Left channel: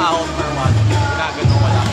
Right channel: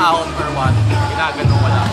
ahon or what. Ginagano ko lang.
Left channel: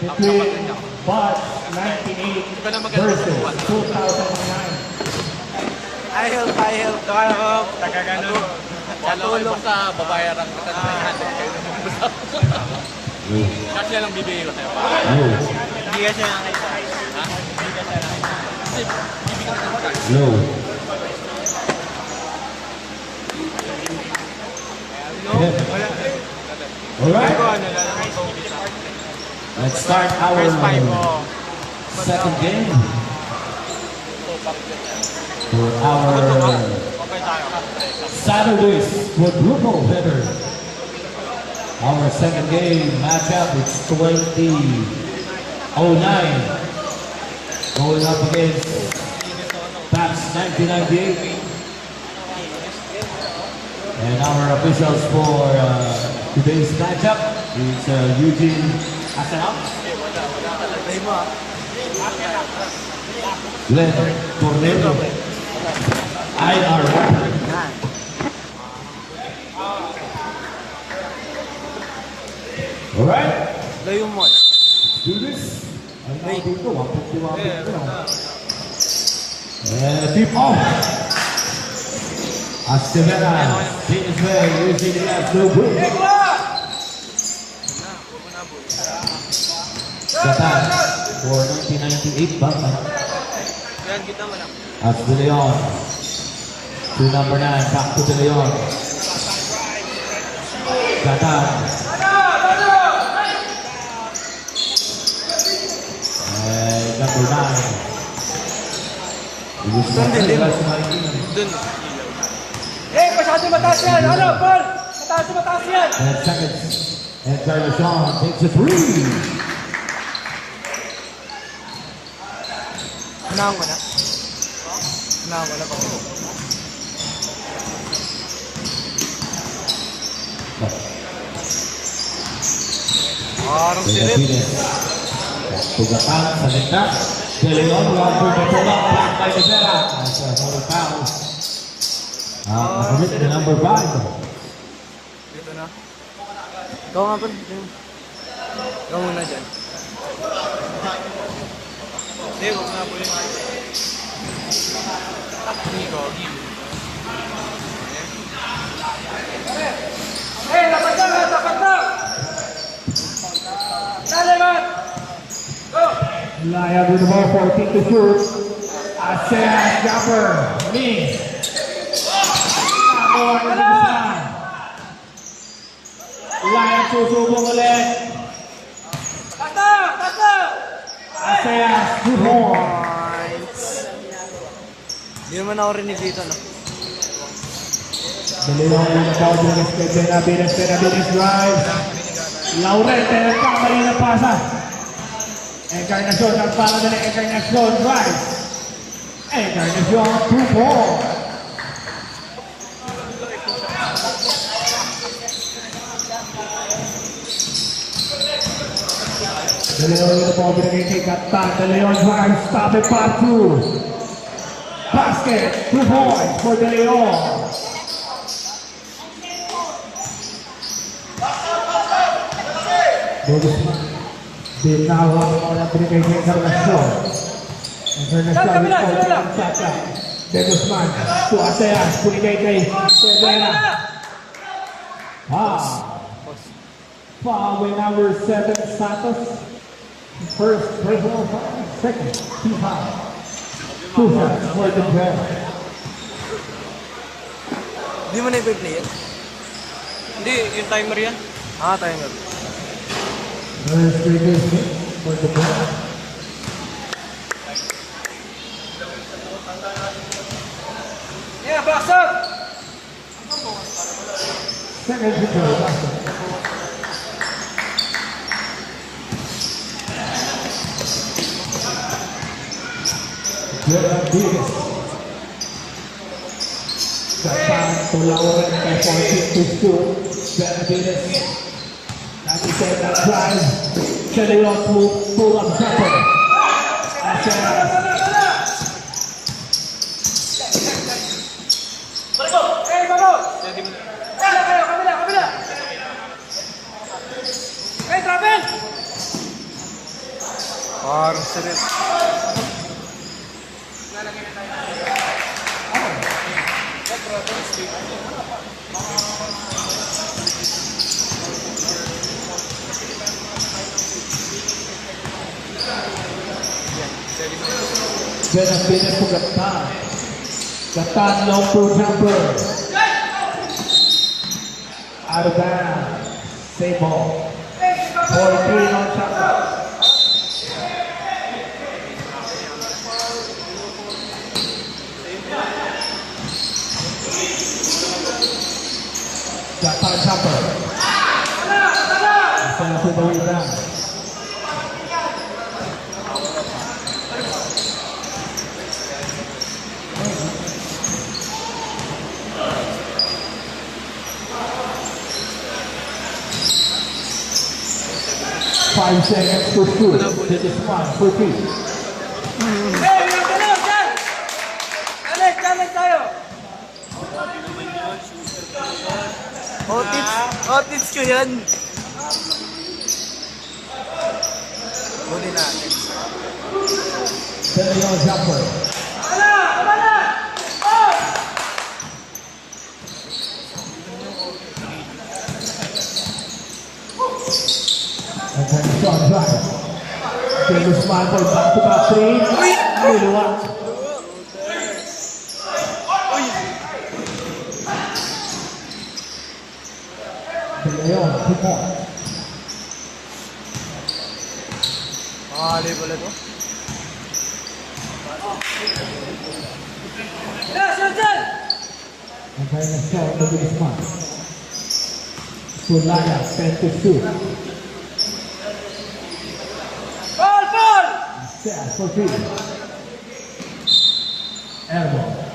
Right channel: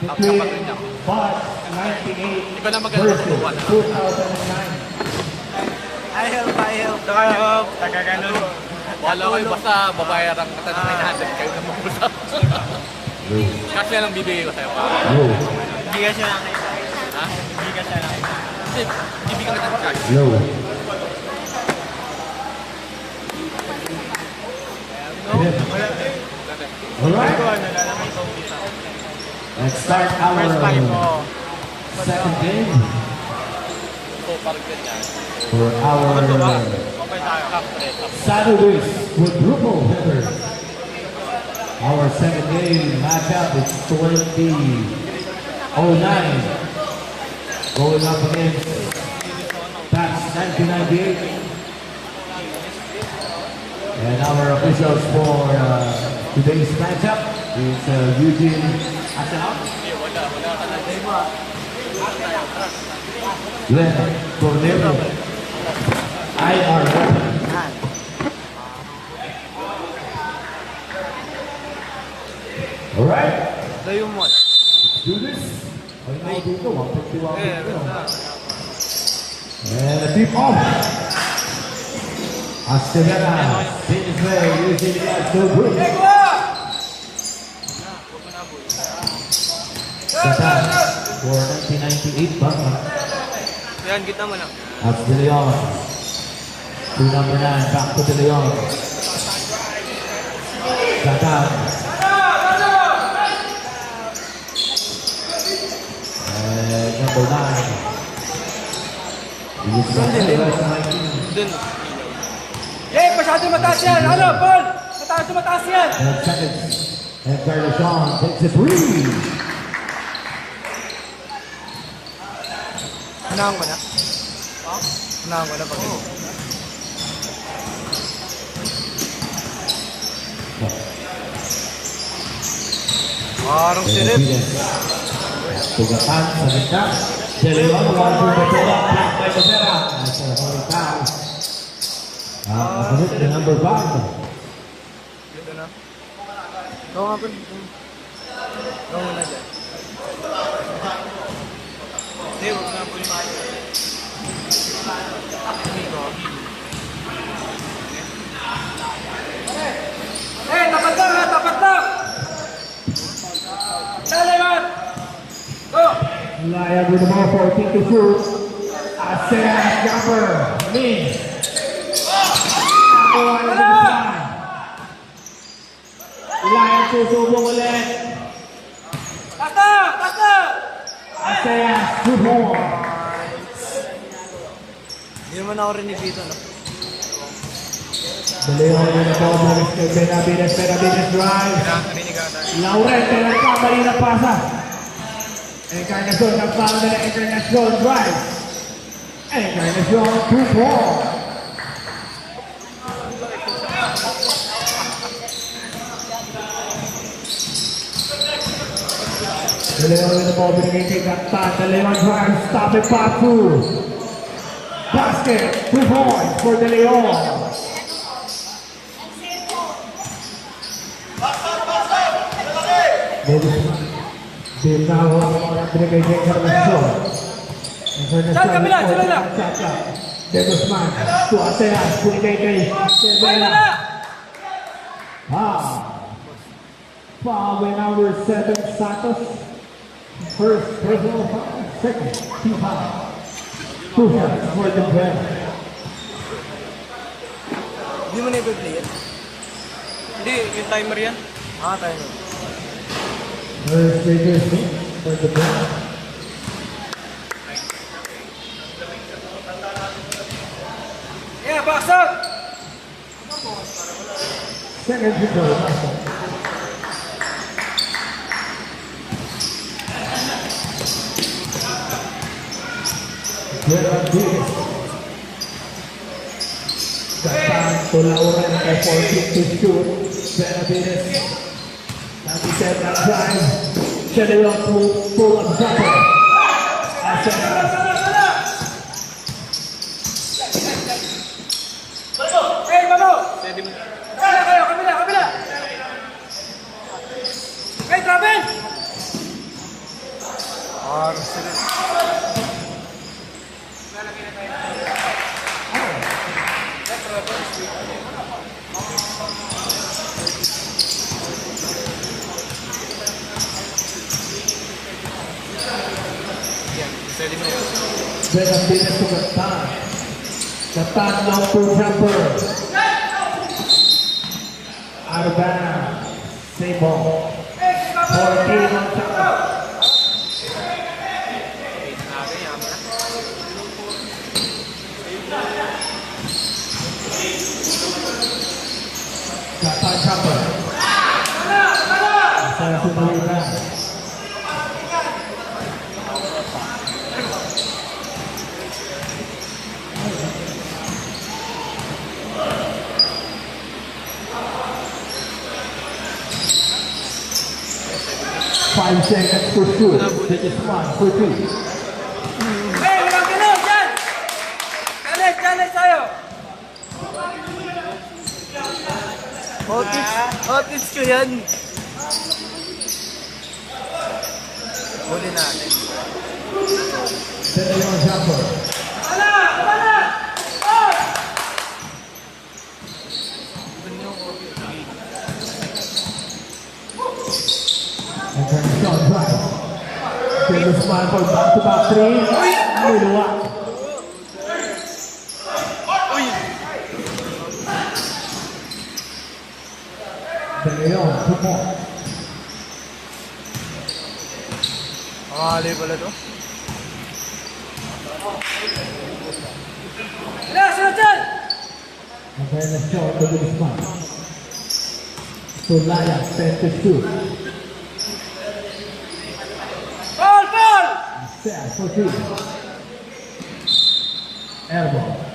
Between Box 98 Iba na maganda versus kung 2009. Tagalog, tagaganon. wala ko basta babayaran ka natin kayo na mag-usap. Kasi lang bibigay ko sa'yo. Hindi ka siya lang isa. Ha? Hindi ka siya lang isa. Hindi, bibigay ko ng cash. Low. No, wala. Hindi ko ano, lalamang kong isa. Let's start our First five ko. second game for Ako to ba? our Okay tayo. Saturdays quadruple header. Our second game matchup is 2009 going up against Pats 1998. And our officials for today's matchup is Eugene Asanov, Glenn Cornelio, Einar Rapin. Alright, Layo mo. let's do this. And may dito, 150 lang dito. And keep off. Astevera, Siniswell, using the last no good. Satan for 1998 Batman. Yan, kita mo lang. That's De Leon. To number 9, back to De Leon. Zatan. And number 9. Dun. Eh, masyadong mataas yan. Ano, Paul? Mataas yan. 10 seconds. And Carlson takes a three. Unahan ko na. Unahan ko na pag parang silip. Tugatan sa gitna. De Leon, one for the pull-up. Blocked by Becerra. That's a holy foul. Number 5. Dito na. Oo nga po. Huwag muna dyan. Hindi, huwag na po yung maayos. Dito. Eh, dapat na. Dali, man. Go. Laya with the ball, 14 to shoot. Asean Jumper. Lee. Laya susubong ulit. Tata. Asean Jumper. Hindi naman ako rinig dito, no? De Leon with the ball, Benavides drive. Laurel, nagkamali na pasa. Encarnacion, nagpano na Encarnacion drive. Encarnacion, 2-4. De Leon with the ball, Benitez at top. De Leon drive, stop it, part 2. Basket, 2 points for De Leon. Binawa na binigay ng Encarnacion. Dennisman to Asean, binigay kay Severa. Foul with number 7, Santos. First personal foul, second team foul. 2 shots for the break. Hindi mo na i-play yan? Hindi, yung timer yan. Timer. First free throw for the break. Yeah, box up. Second free throw. Gerald Davis. Datang to Lauren kay 14 to shoot. Benavides. Nanti set that drive. De Leon pull up jumper. Asean. Eh, bago. Steady mo na. Kayo, kabila. Eh, grabe. Parang silip. Benavides to Gatan. Gatan long pull jumper. Out of bounds. Same ball. 14 on shot clock. Gatan jumper. Asal sudah. 5 seconds for shoot. Take a smile for 3. Eh, bilis yan. Challenge tayo. Hotits ko yan. Huli natin. De Leon jumper. And then shot drive. Take a smile for back-to-back 3. Niluwa. Leon, 2 points. Pangali pala to. Yes, Roger! And then a shot to the spot. Sulaya, 10-2. Ball, ball! Set for 3. Airball.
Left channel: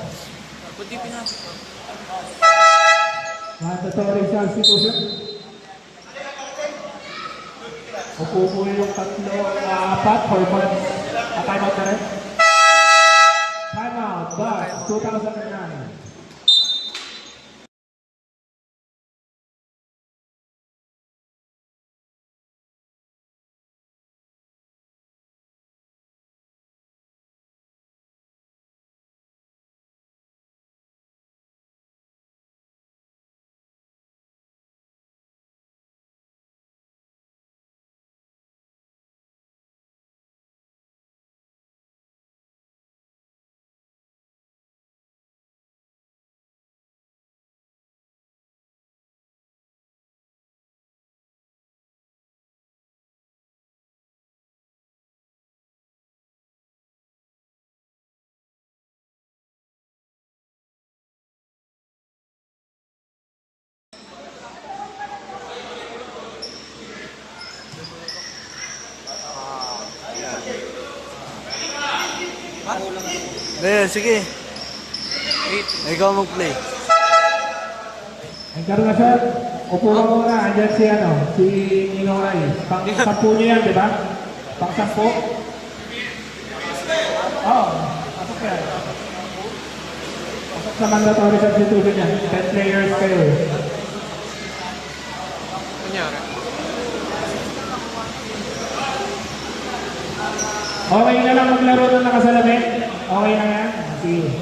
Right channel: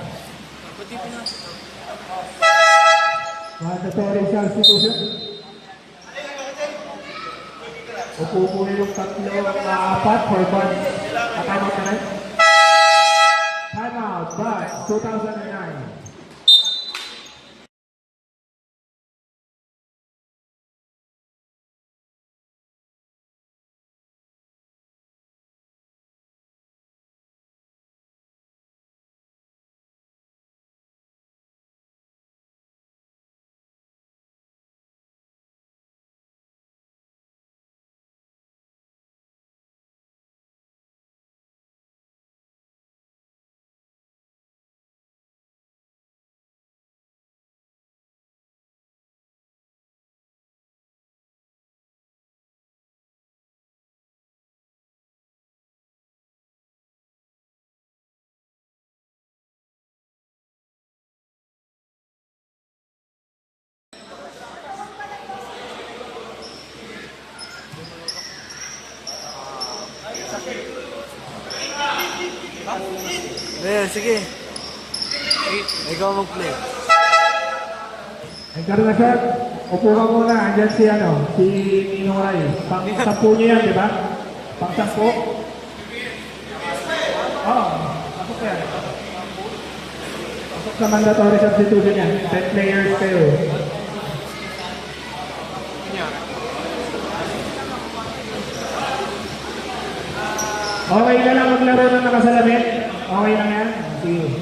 Mandatory substitution. Upo po yung tatlo, apat, 4 points. Time out na rin. Time out, but 2009. Sige. Ikaw mag-play. Nagkaroon na sir, upo ka muna, andyan si Ninoy. Pang-sampu niya yan, di ba? Pang-sampu? Oo, pasok yan. Pasok sa mandatory substitution niya, 10 players kayo. Okay na lang maglaro ng nakasalamin? Okay na yan? Sige.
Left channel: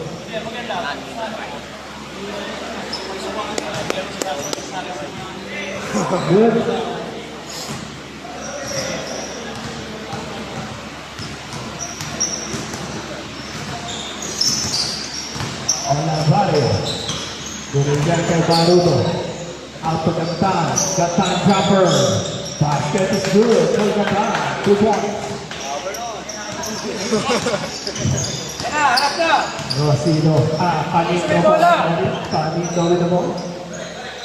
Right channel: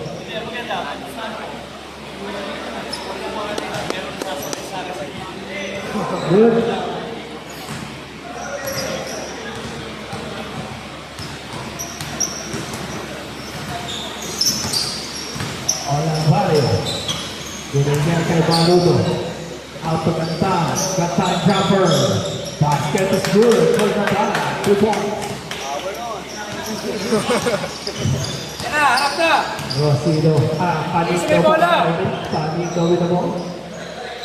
Good. Olavarrio. Binigyan kay Barudo. Out to Cantan. Cantan jumper. Basket is good for Cantan. 2 points. Harap na! Rosino. Panik na po. Panik na ulit mo.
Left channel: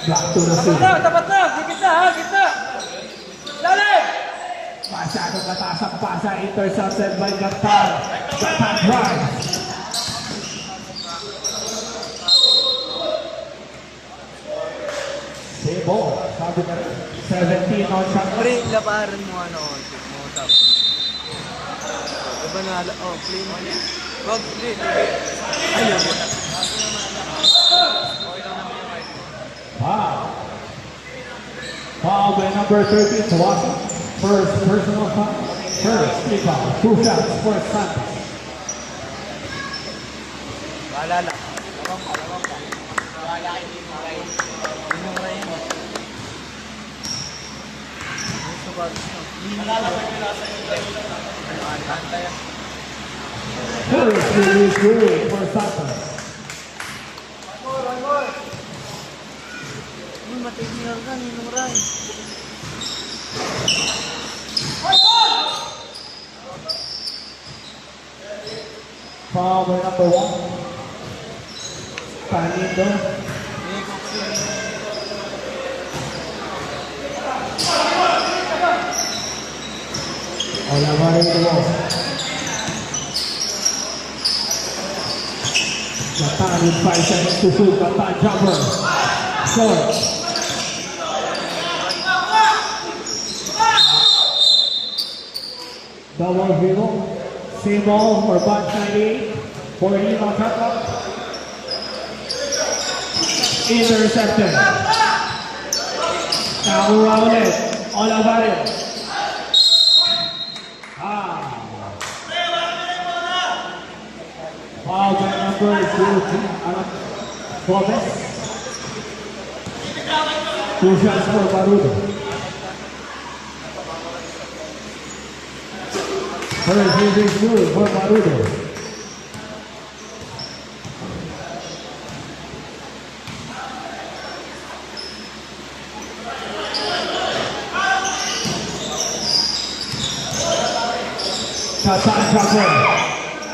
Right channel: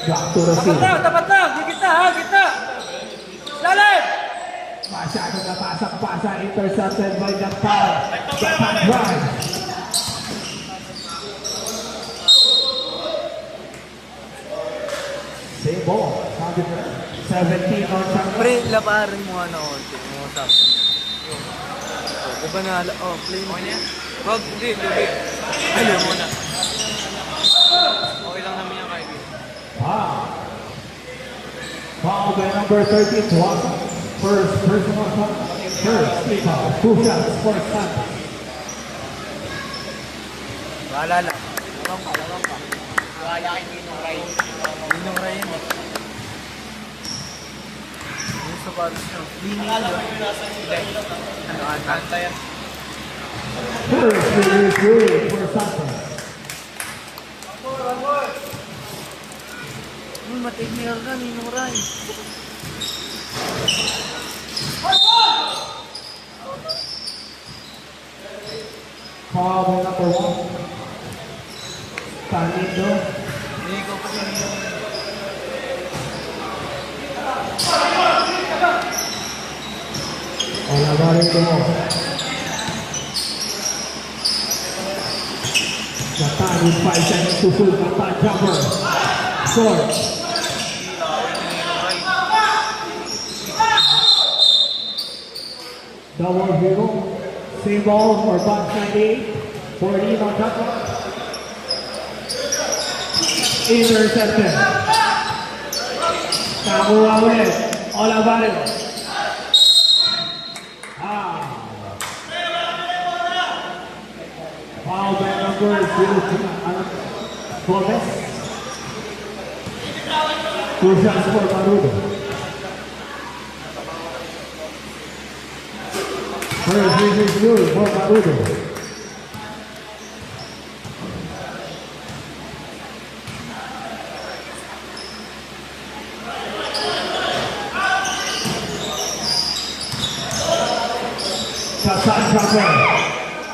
Back to Rosino. Tapat na! Gitna ha! Gitna! Lalim! Masyadong mataas ang pasa. Intercepted by Cantan. Cantan drive. Same ball. Sabi na rin. 17 on shot. Pre, laparin mo ano. Mo tapos. Diba na, play mo. Wag, hindi. Ayun mo. Foul. Foul by number 13, Tuasa. First personal foul. First free foul. 2 shots for Santos. Maalala. Lawang pa. Maalala kay Dino Ray. Dino Ray yun. Dino sa baris na. First release good for Santos. Matigil ka, Dino Ray. Foul by number 1. Tanindo. Olavarrio to ball. Cantan in 5 seconds to shoot. Cantan jumper. Short. Double zero. Same ball for Banshandi. 14 on top. Intercepted. Nakakuha ulit. Olavarrio. Foul by number 0, Flores. 2 shots for Barudo. First is good for Barudo. outside jumper.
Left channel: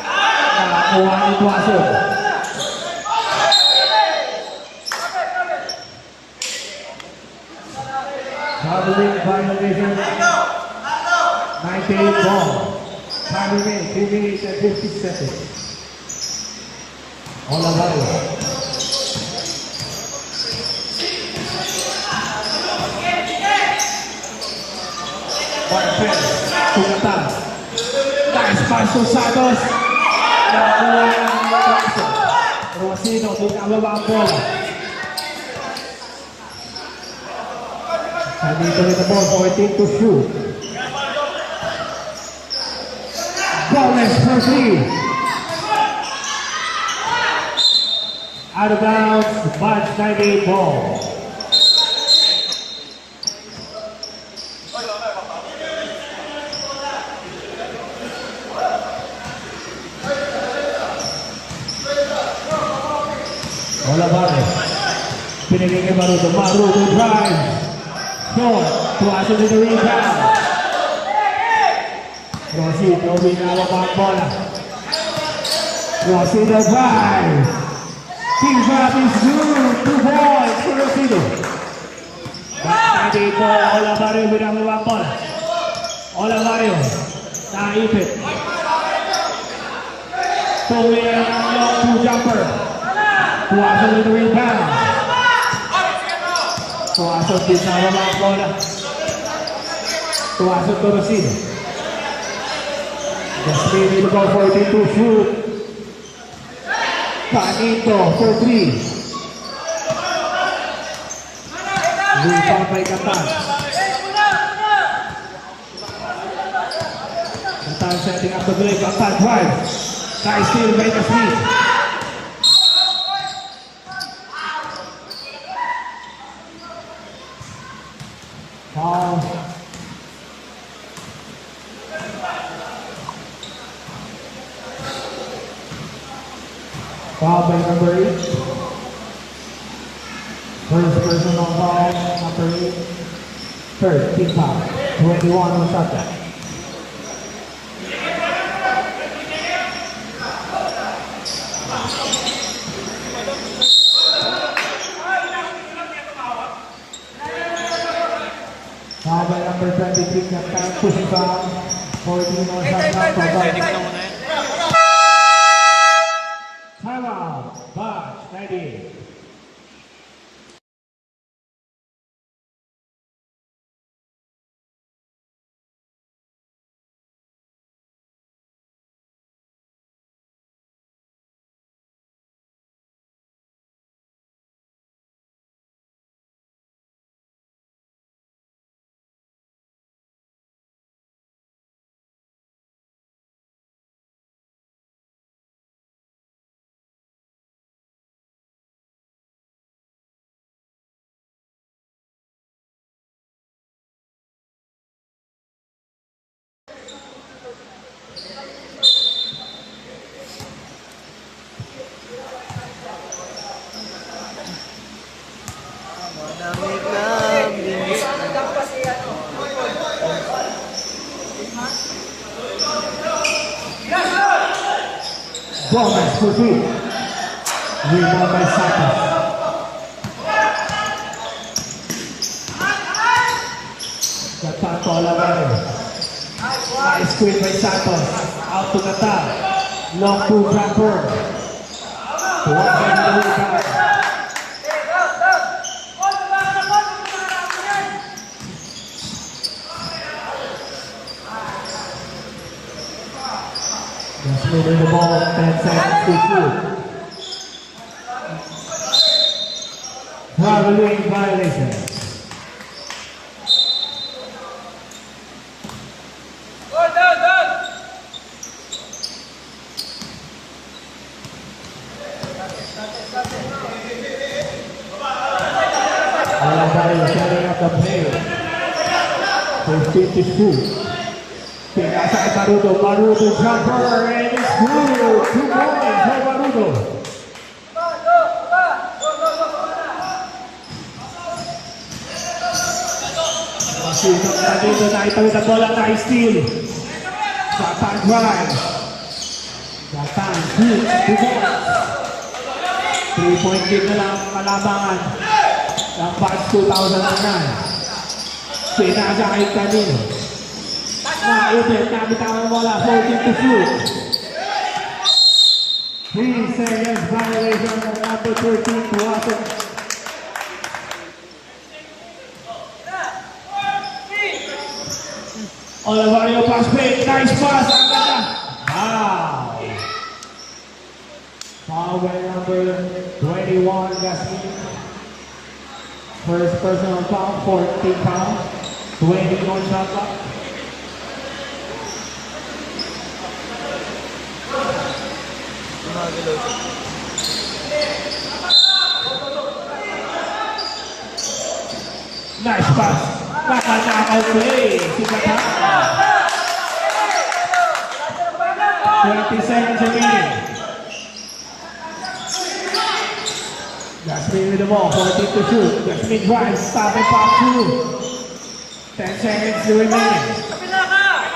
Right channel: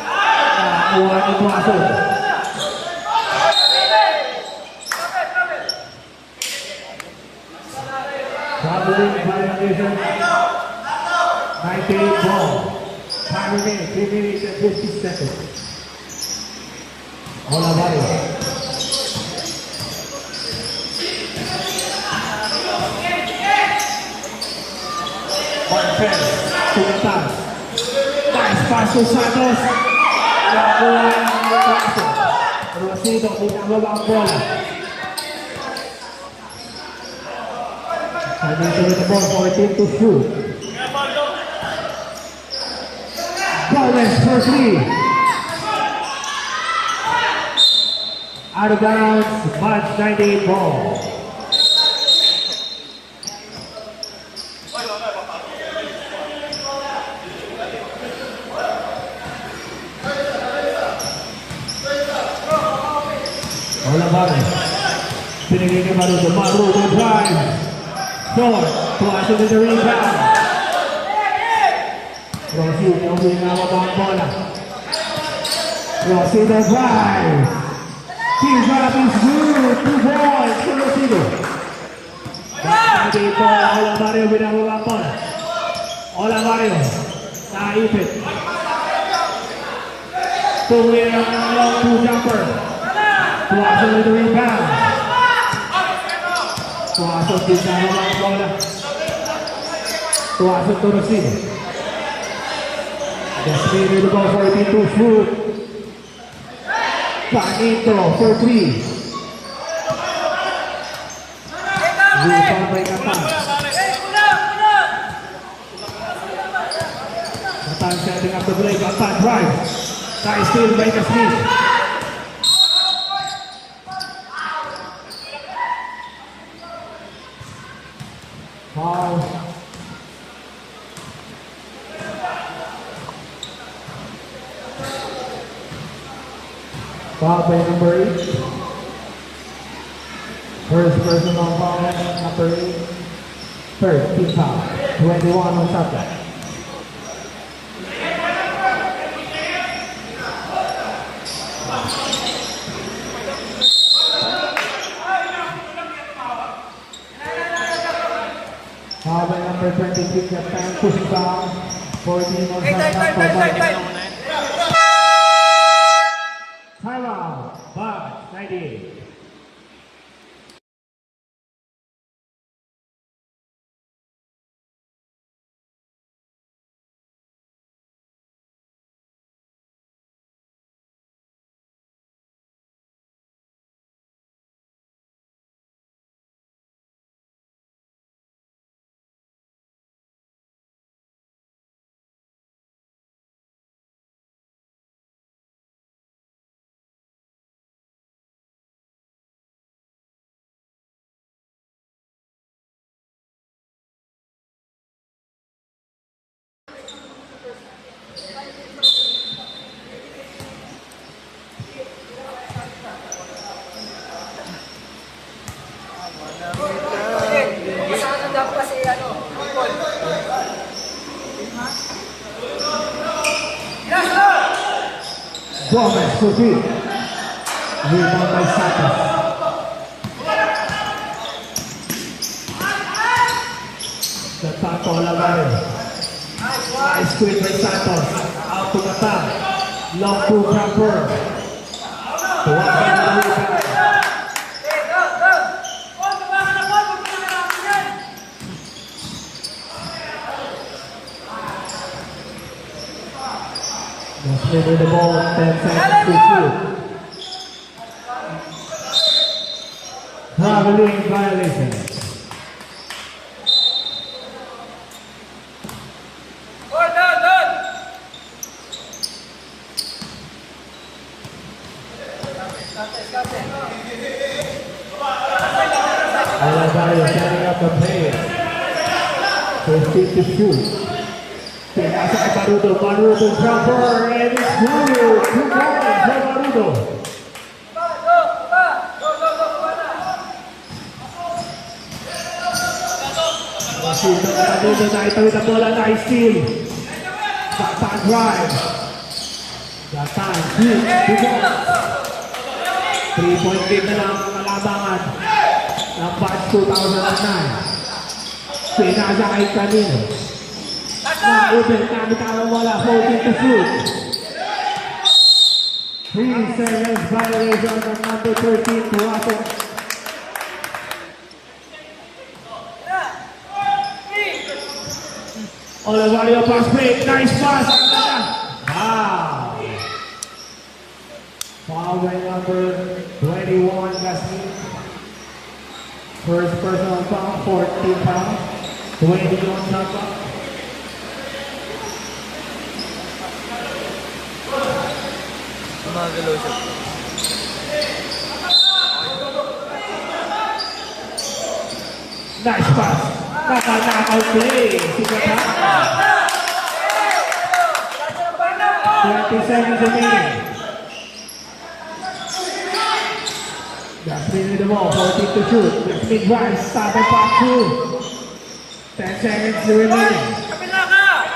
Nakakuha ni Tuason. Traveling violation. 98 ball. Time remaining 2 minutes and 50 seconds. Olavario. Marquez. Tunatan. Nice pass to Santos. Nakakuha ng Tuason. Rosino, bumababa ang bola. Coming to the ball for a team to shoot. Ballers for 3. Out of bounds, March 98 ball. Olavario. Pinigay kay Maruto. Maruto drive. Short. Tuason in the rebound. Rossi, nawinawa pa ang bola. Rossi the drive. T-Drop is good. 2 balls to Rosino. Back 98 ball. Olavario binabawa ang bola. Olavario. Naipit. Tuloy ang long 2 jumper. Tuason in the rebound. Tuason binabawa ang bola. Tuason to Rosino. Just need to go for a team to shoot. Panito for 3. Rebound by Katan. Katan setting up the play. Katan drive. Kai steal by the Smith. Foul. Foul by number 8. First person on foul, number 8. Third, team foul. 21 on subject. Foul by number 23, Captain pushing foul. 14 on subject. Timeout, Box 98. Gomez for 2. Rebound by Santos. Katan to Olavario. Nice screen by Santos. Out to Katan. Long 2 jumper. Tuwag by the rebound. Just winning the ball, 10 seconds to shoot. Traveling violation. Olavario setting up the pace. 15 to shoot. Pinasa kay Maruto. Maruto jumper and it's good. 2 points for Maruto. Dito na ito yung bola na steal. Sakta drive. Got time, shoot, 2 balls. 3-point lead na lang kalabangan. Ng batch 2009. Sinasakit kami. Ng Uber, kami tayo wala, 14 to shoot. 3 seconds violation ng number 13 to Watson. Olivario pass fake, nice pass, ang ganda. Wow. Foul by number 21, Gasmin. First personal foul, 14 fouls, 20 on shot clock. Gumagalaw siya. Nice pass. Naka-knockout play. Si Kata. 20 seconds remaining. Gasmin with the ball, 14 to shoot. Gasmin drives, stop and pass through. 10 seconds remaining.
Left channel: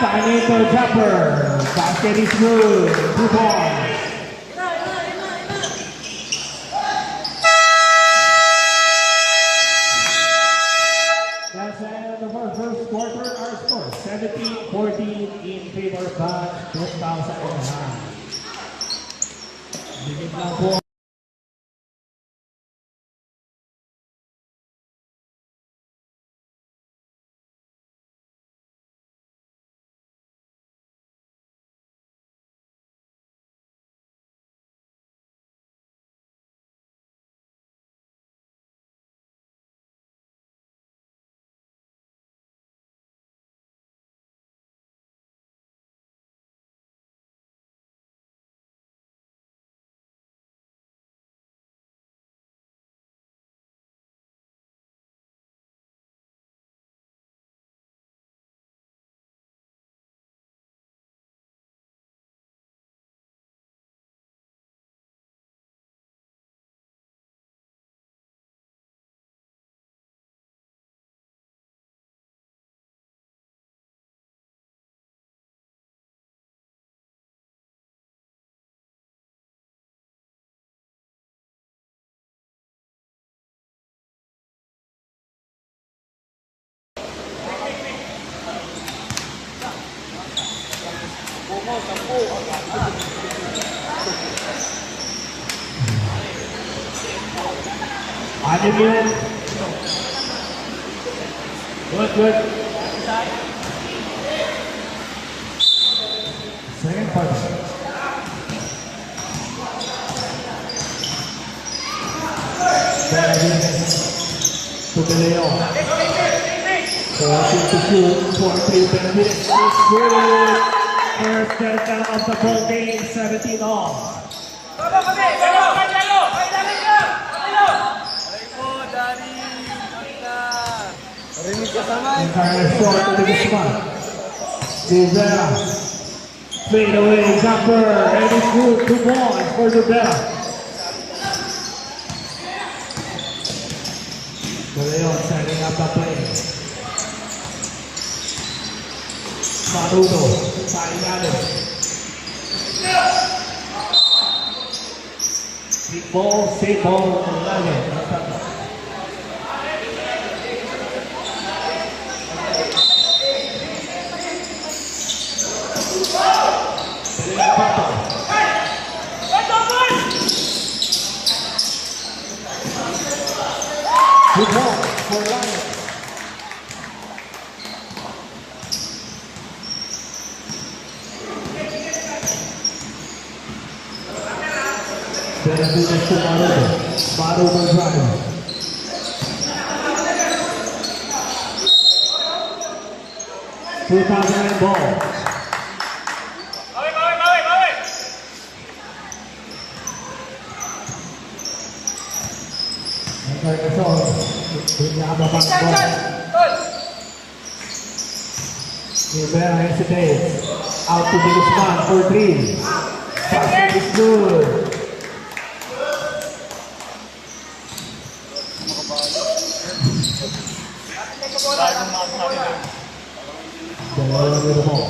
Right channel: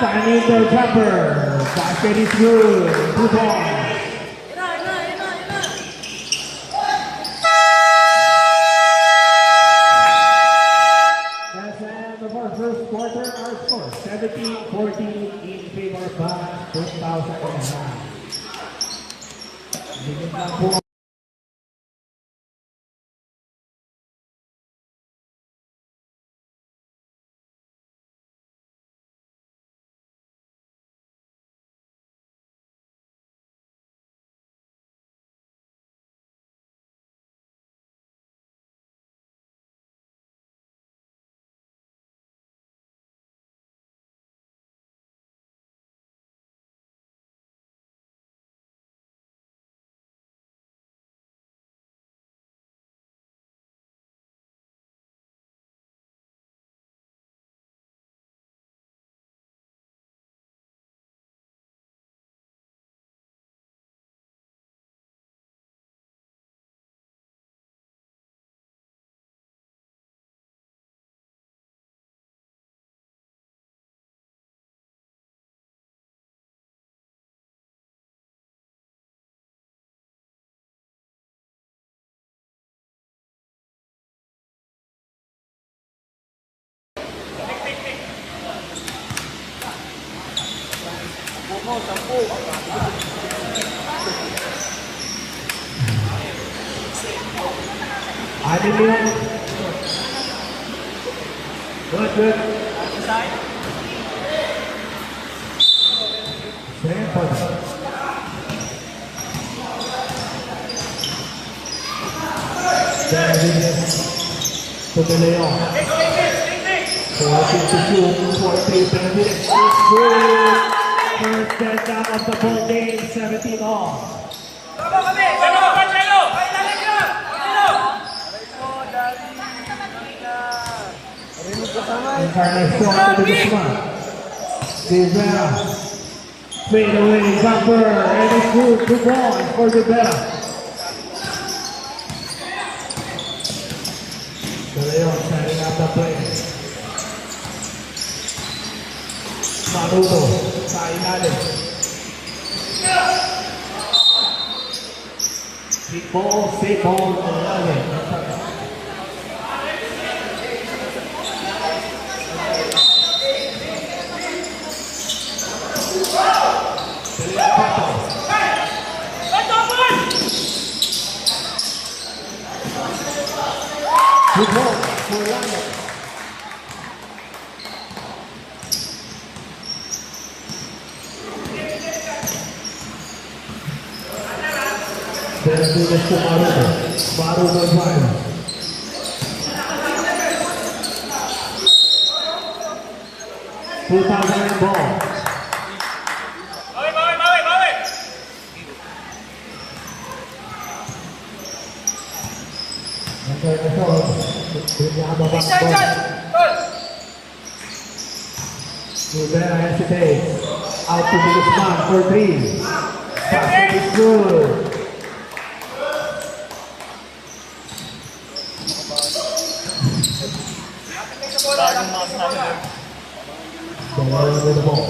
Tanito jumper. Basket is good. 2 balls. That's the end of our first quarter. Our score 17-14 in favor of 2009. Bigyan na po. Bumo, 10. Anim yun. Good, good. Second part. To De Leon. 14 to shoot, 4-3 minutes. It's good. First touchdown of the ball game, 17 all. Rinig ka sana. Encarnacion to the spot. Rivera. Fade away, jumper. And it's good. 2 balls for Rivera. De Leon setting up the play. Maruto. Sa ilalim. Hit ball, safe ball. Ilalim. Good ball for Lions. Then do this to Maruto. Maruto drive. $2,000 ball. Rivera hesitates. Out to the spot for 3. Basket is good. Dalawa with the ball.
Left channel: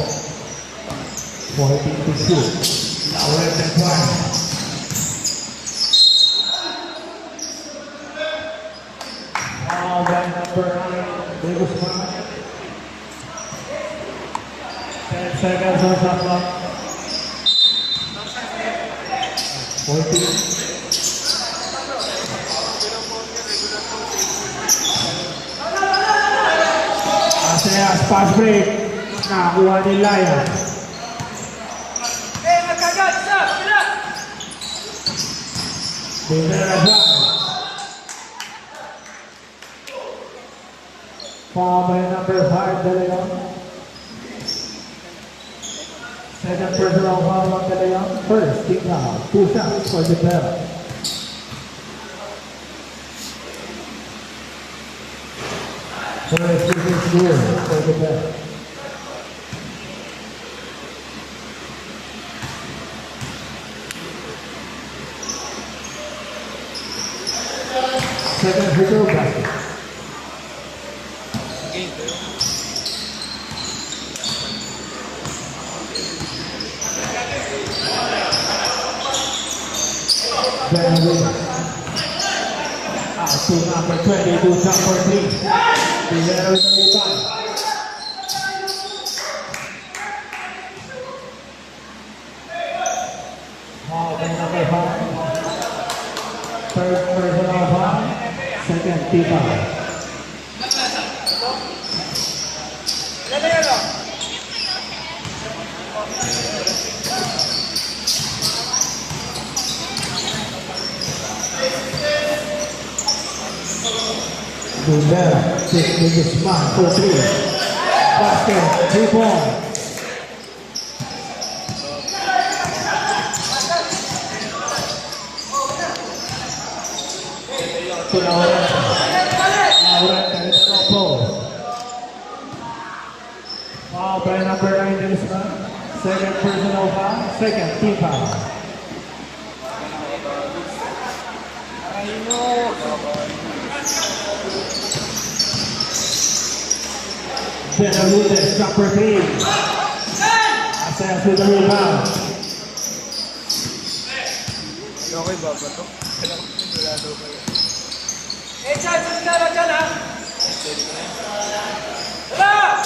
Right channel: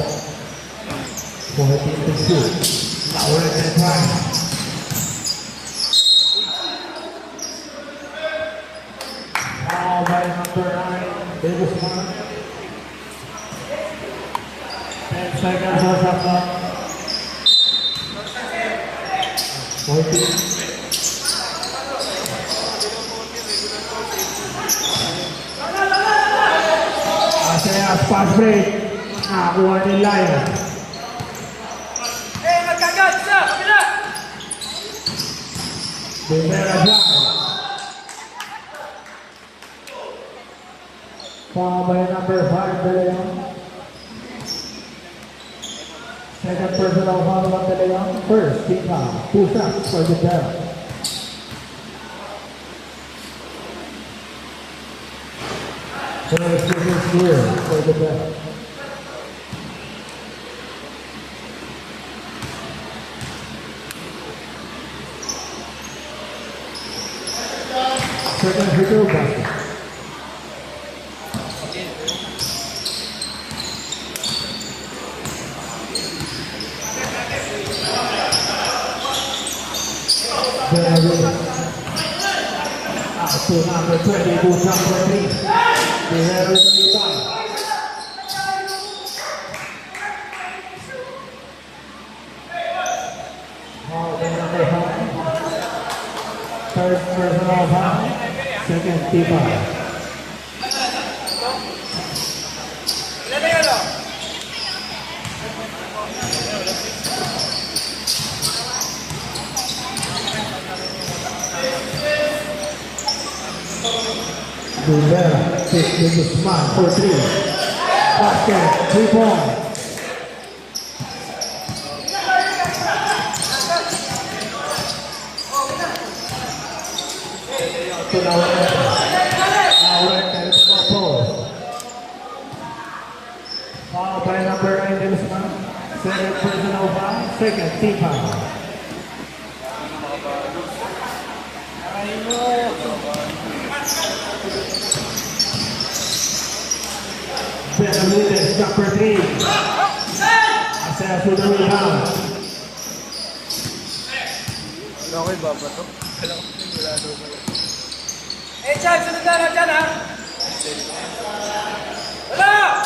14-2. Lawrence and Price. Foul by number 9, Davis Brown. 10 seconds on shot clock. 14. Aseas pass break. Nakakuha ni Lion. Magkagat siya! Bila! Rivera drive. Foul by number 5, De Leon. Second personal foul on De Leon. First, team foul. 2 shots for the bell. First, this here for the bell. Second free throw basket. To number 22, number 3. Rivera with the time. Foul by number 5. Third personal foul. Second team foul. Rivera takes with the smart for 3. Basket, 3 points. To Laurent. Laurent and it's no post. Foul by number 9, Dennisman. Second personal foul. Second team foul. Benavides, number 3. Aseas with the rebound. Okay ba ba ito? Wala daw pala. Chad! Susigaran ka na! Wala!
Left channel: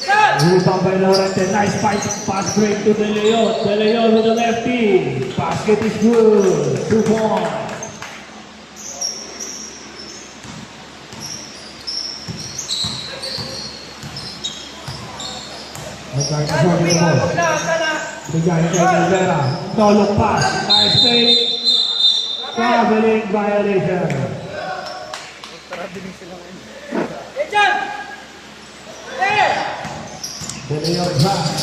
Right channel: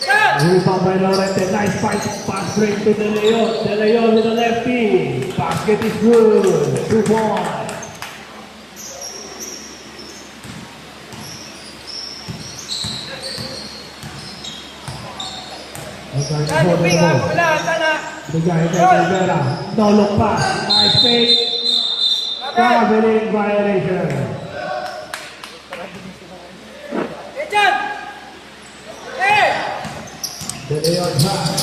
Chad! Rebound by Laurent. Nice pass break to De Leon. De Leon with the lefty. Basket is good. 2 points. Chad, moving ha! Wala! Sana! Bigay kay Rivera. No look pass. Nice fake. Traveling violation. Chad! Eh! De Leon drive.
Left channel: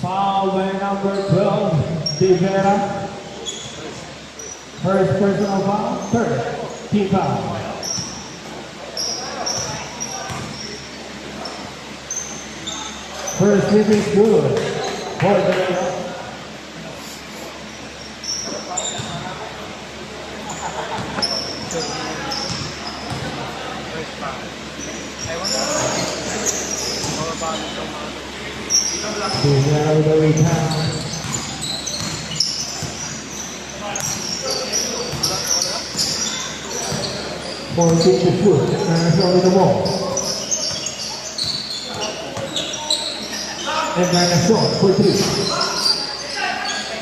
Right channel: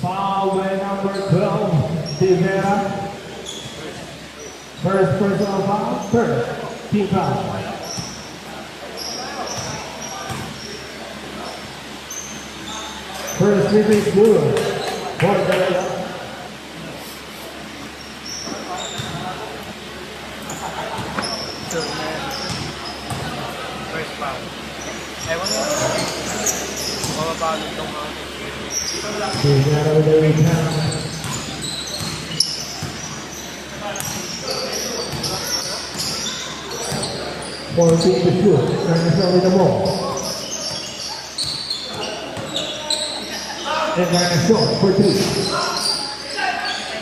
Foul by number 12, Rivera. First personal foul, third team foul. First free is good for De Leon. Rivera with the return. Fourteen to shoot. Dinosaur with the ball. And Dinosaur for 3.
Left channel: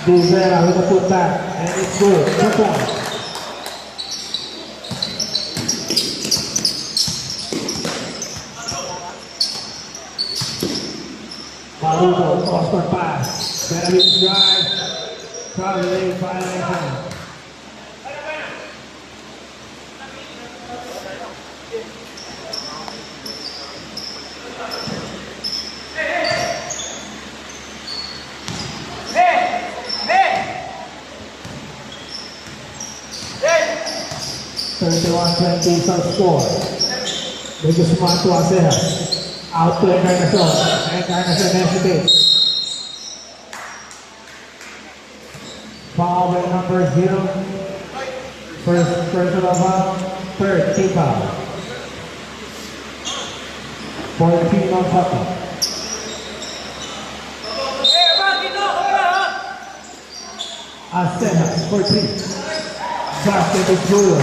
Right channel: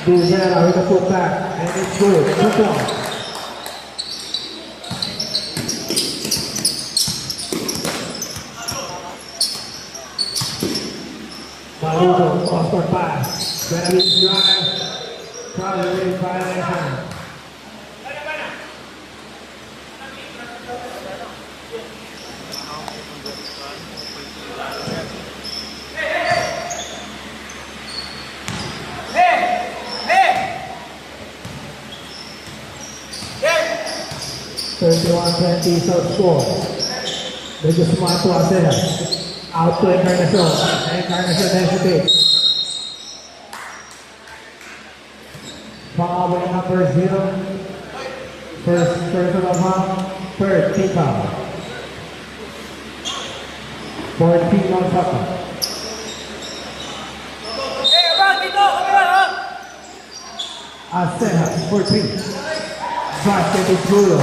Rivera with the putback. And it's good. 2 points. Baruto, cross pass. Benavides drive. Traveling violation. Hey! Hey! 31-20 sub-score. Medyo smart to Aseas. Out to Dinosaur. And Dinosaur hesitates. Foul by number 0. First personal foul. Third team foul. for Team on Papa. Acenas for 3. Basket is good.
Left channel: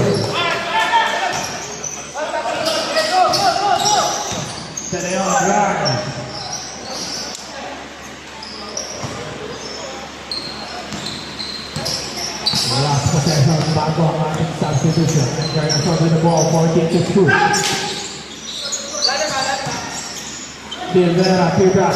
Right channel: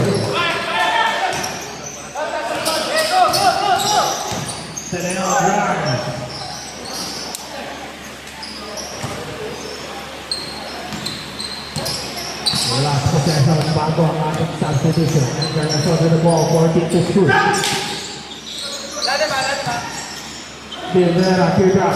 De Leon drive. Last possession, bago ang ating substitution. Versus with the ball, 14-2. Guerrera, Pedra.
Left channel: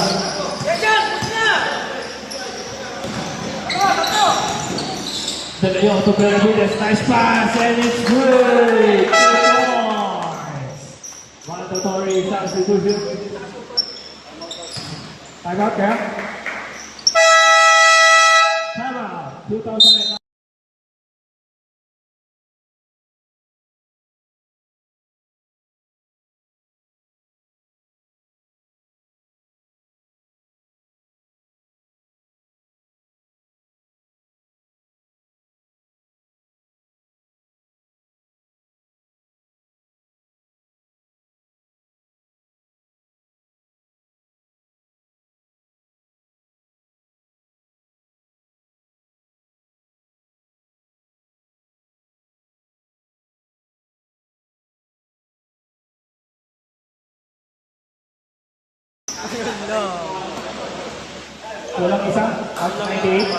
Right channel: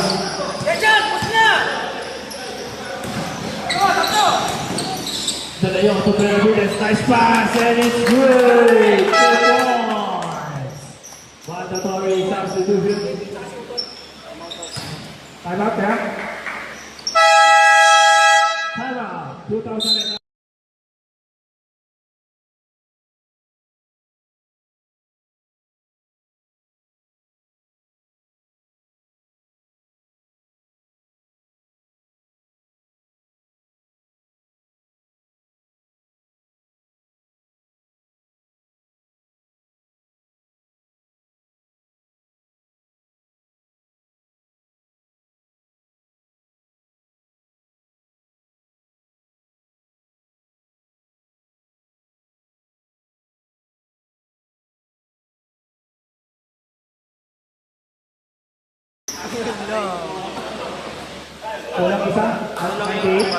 De Leon to Benavides, nice pass, and it's good! 2 points! Mandatory substitution. Time out, Cam. Time out, 2009. No. Kulang isa, ang 98.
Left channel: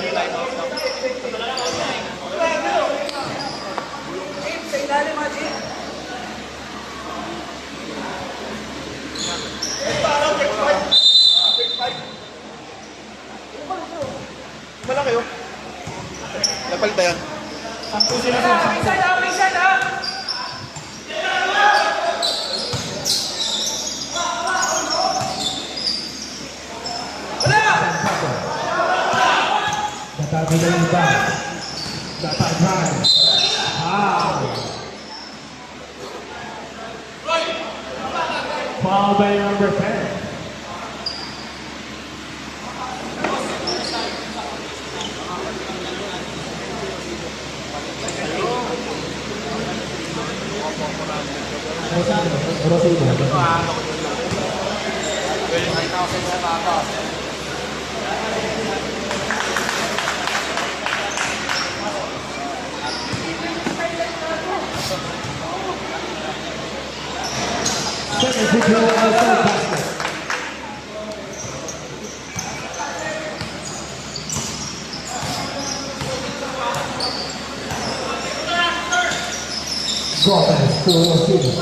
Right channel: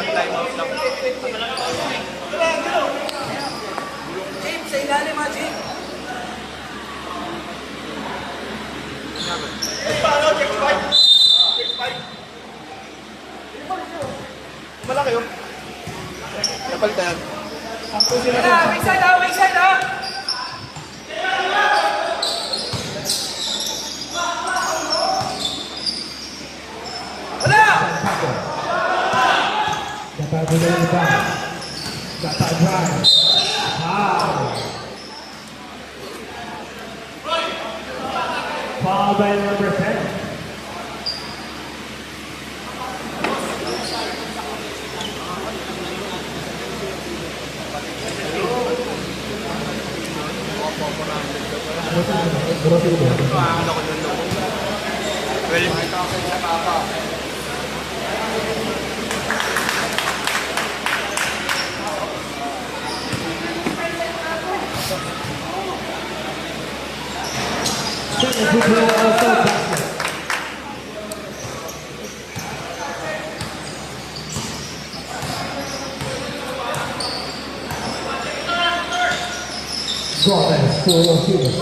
Wala kayo? Napal tayo. Nakabilang ba? Naka-drive. Foul by number 10. Gomez, full of shooting.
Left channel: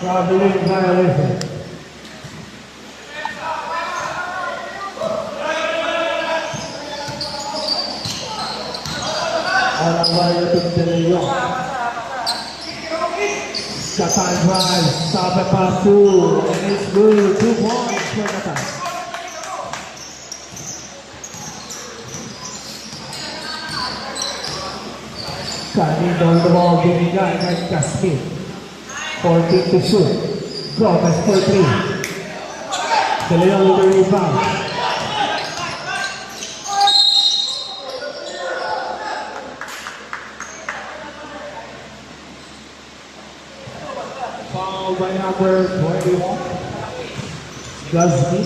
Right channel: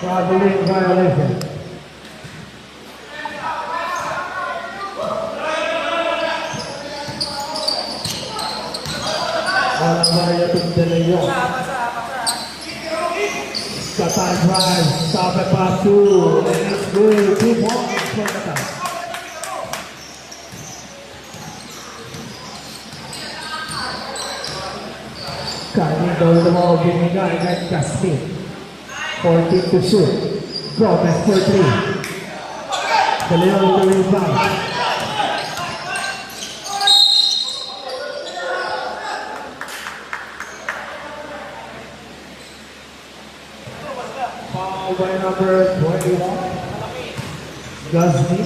Traveling violation. Violating De Leon. Qatar drive, stop at pass 2, and it's good. 2 points for Qatar. Carrying down the ball, binigay at Casmin. 14 to shoot. Gomez for 3. De Leon with the rebound. Foul by number 21. Guzzi.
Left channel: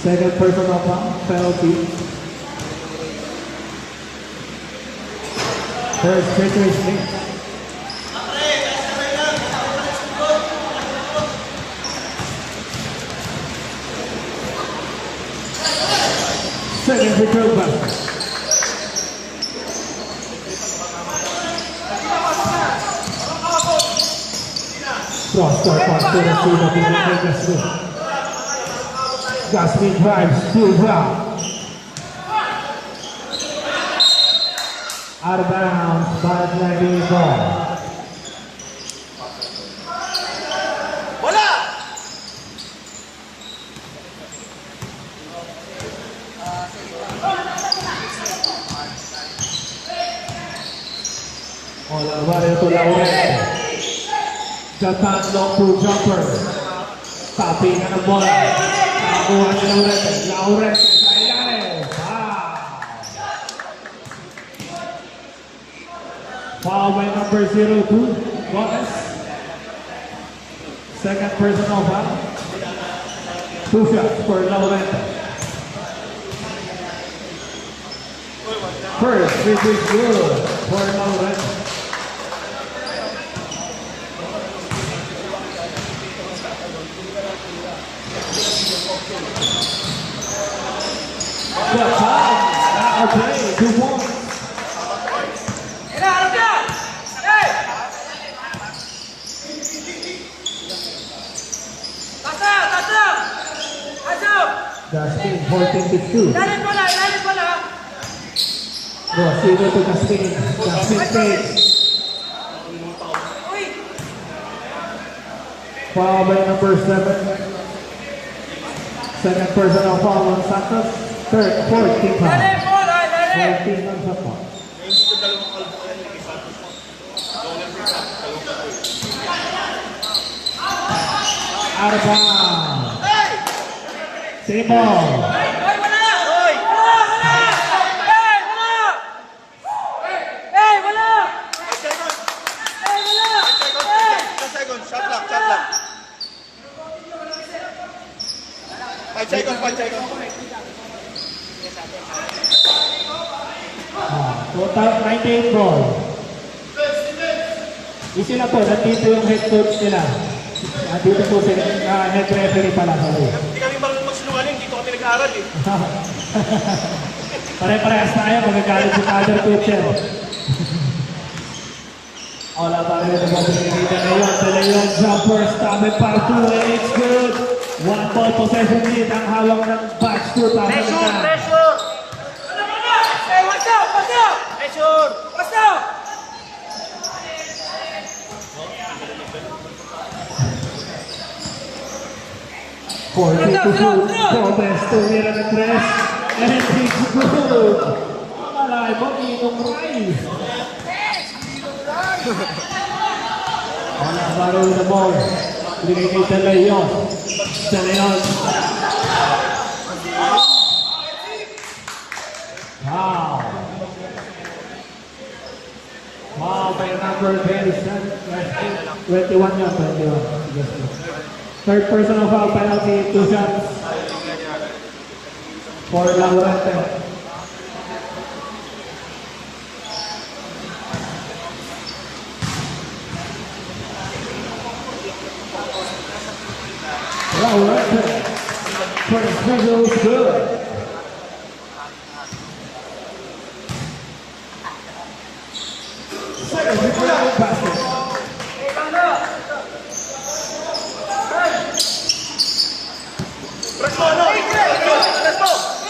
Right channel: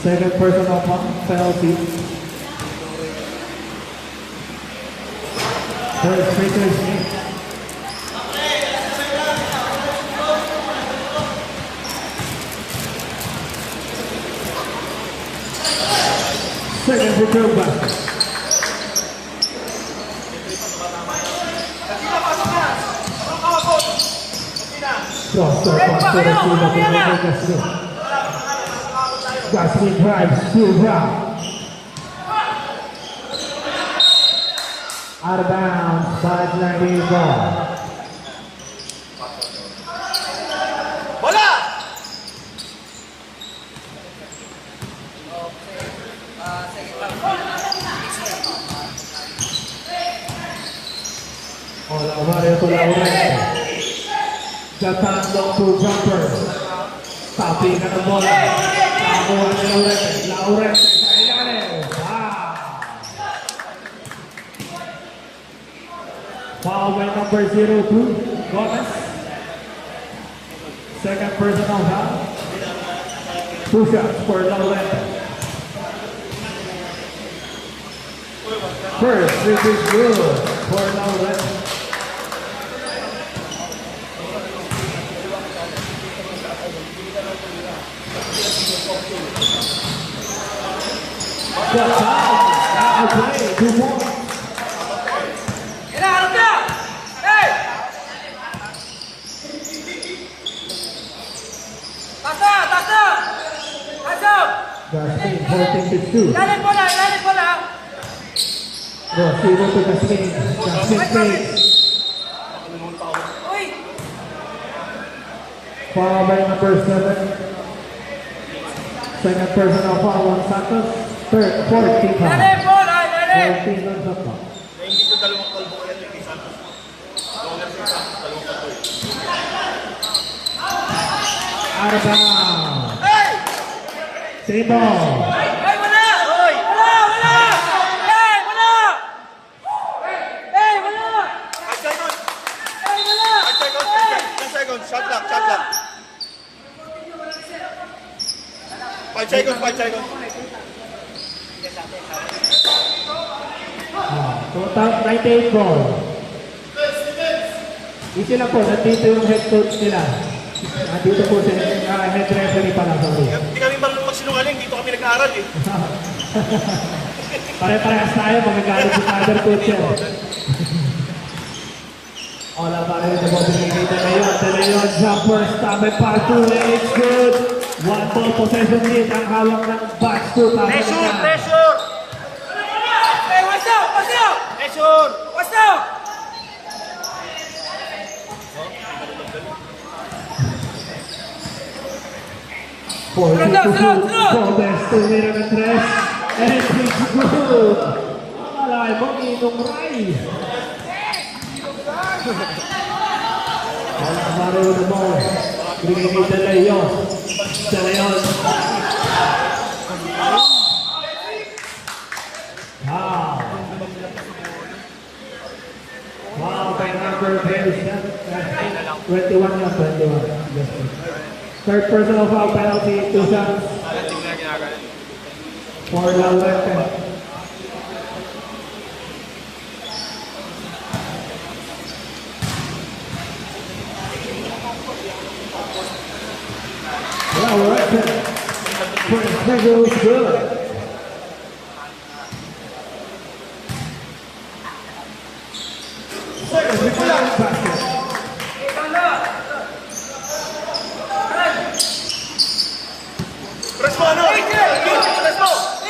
Second personal foul, penalty. First Victor Smith. Second Victor basket. Cross-step pass to the team of the Smith. Gasmin drives, full drive. Out of bounds, 5-9 ball. Wala! Hola, Mario to Laurente. Jatan long pull jumper. Tapi na ng bola. Nakakuha ni Laurente. Laurente sa ilalim. Foul by number 02, Gomez. Second personal foul. 2 shots for Laurente. First, this is good for Laurente. But time, now play, 2 points. Gaskin, 14-2. Rosido to Gaskin. Gaskin takes. Foul by number 7. Second personal foul on Santos. Third, 14 foul. 14 lang sa foul. Hindi ko dalawang kalbo yan, Ricky Santos. Longer siya ka, dalawang kalbo. Out of bounds. Same ball. Shot clock. 5 seconds. Total 98 ball. Di sila po, nandito yung head coach nila. Nandito po sila, head referee pala sa loob. Hindi kami marunong sinungaling, dito kami nag-aaral eh. Pare-parehas tayo, magagalit yung other coach yun. Ola pa rin ito po pinigita na yun. De Leon jumper, stomach part 2, and it's good. 1 ball possession lead ang hawak ng batch 2. Pressure! For two to shoot, Gomez to win and press, and it's good. Mamalay mo, Inong Rai. Alvaro with the ball. Binigay De Leon. De Leon. Wow. Wow, by number 27. 21 yun, 21. Third personal foul penalty, 2 shots. For Laurente. Laurente. First free throw is good. Second free throw basket.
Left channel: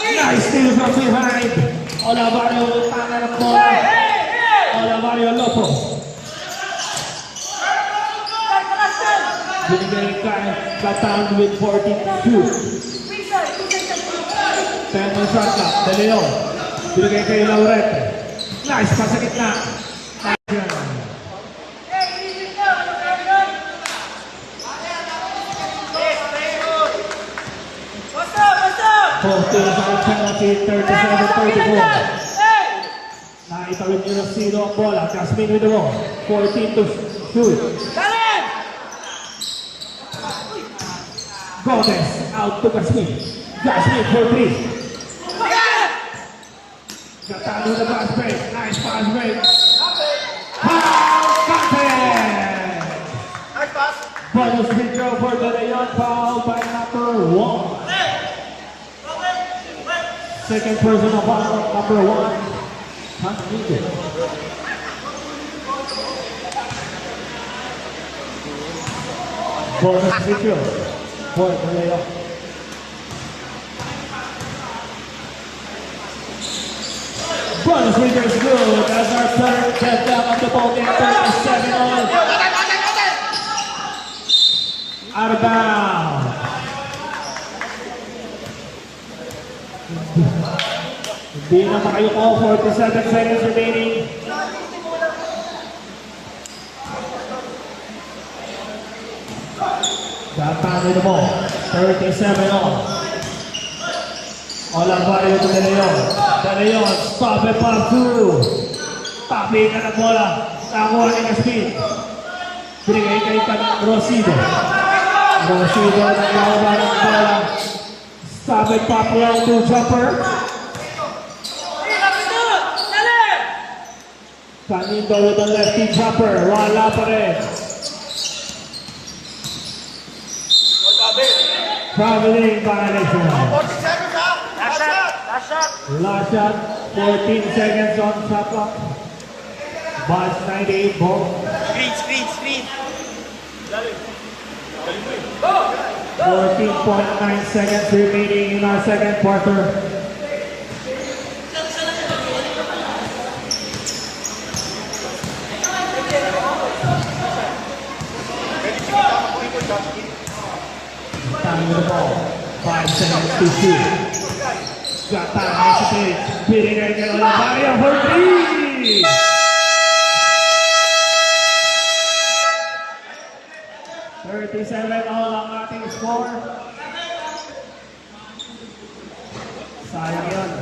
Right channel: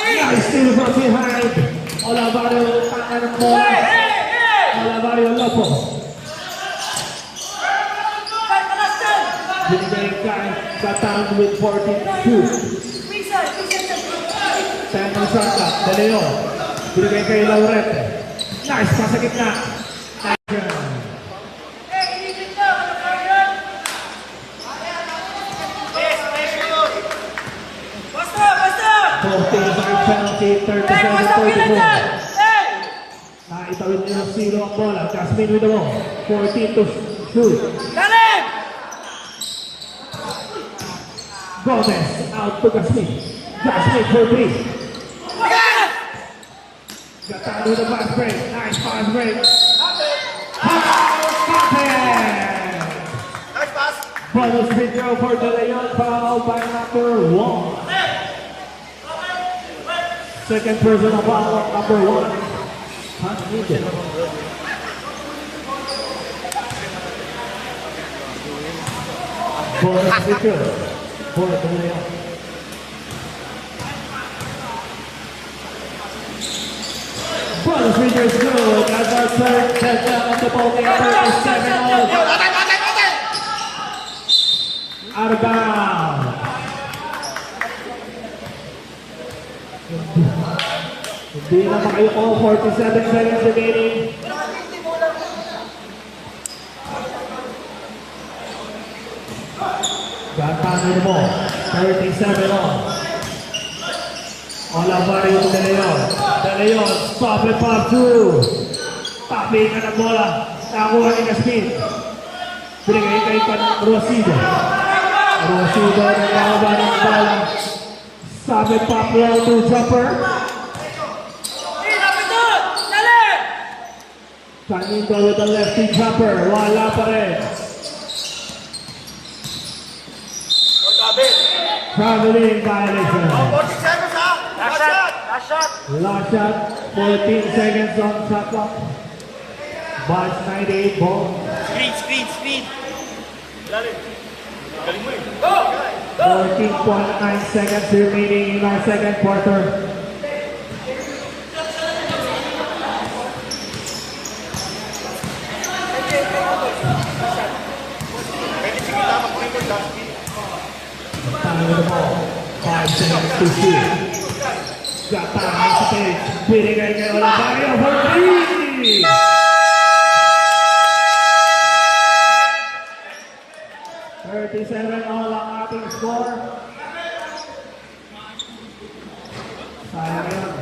Nice steal from behind. Olavario Olavario Lopez. Binigay Katan with 14-2. 10 on shot clock. De Leon. Binigay kay Laurente. Nice pass sa gitna. Action. Side penalty, 37-34. Naitawid nyo ng sino ang bola. Jasmine with the ball. 14 to shoot. Gomez out to Jasmine. Jasmine for 3. Gatan with the pass break. Nice pass break. Foul contact. Nice pass. Bonus free throw for De Leon. Foul by number 1. Second personal foul of number 1. Unneeded. Bonus free throw for De Leon. Bonus free throw is good. That's our third touchdown of the ball game. 37 all. Out of bounds. Hindi na makayuko, 47 seconds remaining. Gatan mo, 37 on. Olavario to De Leon. De Leon, stop it, pop through. Tapi na bola. Nakuha ni Gaskin. Binigay kay Rosido. Resibo ng laban ng bola. Sabi Pacquiao to jumper. Canito with the lefty jumper. Wala pa rin. Traveling violation. 40 seconds ha! Last shot! Last shot! Last shot. 14 seconds on shot clock. Ball 98 ball. Screen, screen, screen! 14.9 seconds remaining in our second quarter. Time of the ball. 5 seconds to shoot. Got time on the page. Beating again on the body of Ortiz. All ang ating score. Sayang yun.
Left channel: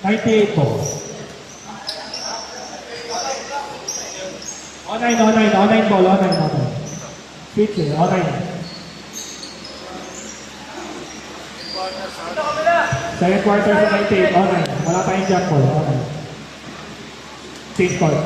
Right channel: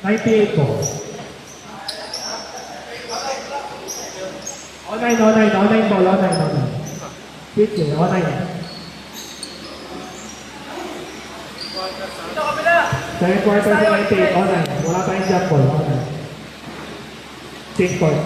$98 po. Online ball. Pitch, online. Second quarter sa 98, online. Wala tayong jump ball, online. Team court.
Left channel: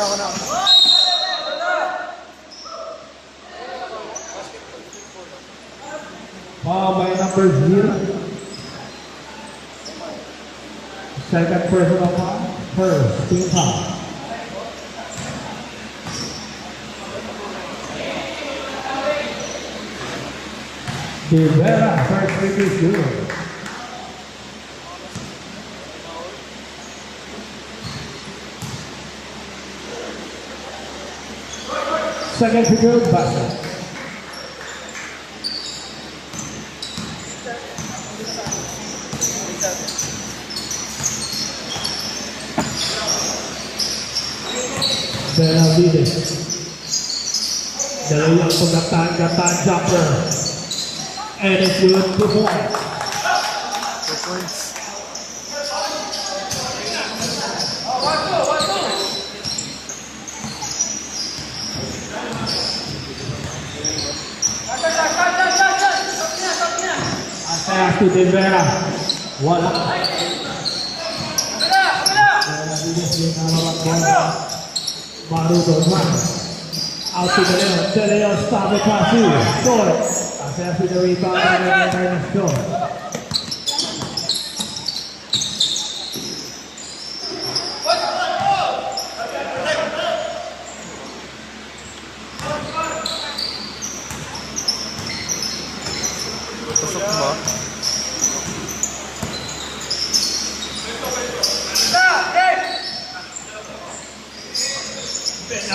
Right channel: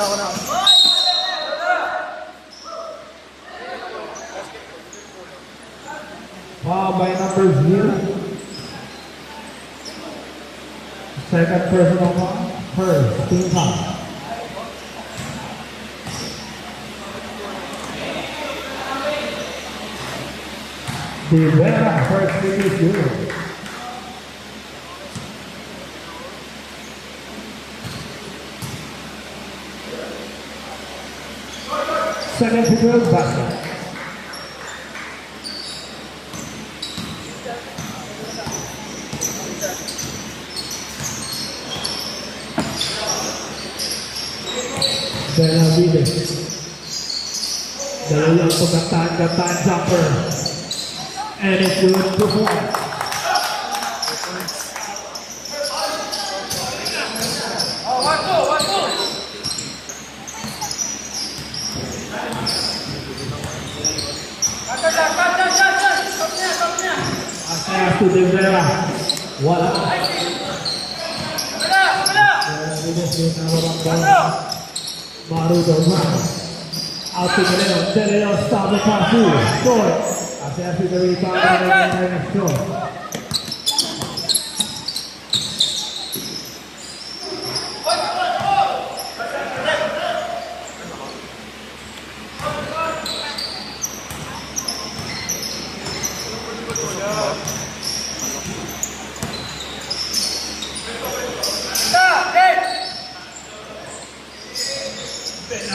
Ako na. By number 0. Second personal foul. First, team foul. Rivera, first free throw is 0. Second free throw is basket. Benavides. Dalawang pagkatang jumper. And it's good to point. Asayas to De Vera. Wala. Benavides yung narawang bola. Marudo man. Out to the left. De Leon stop the pass. Short. Asayas to the rebound. And the short.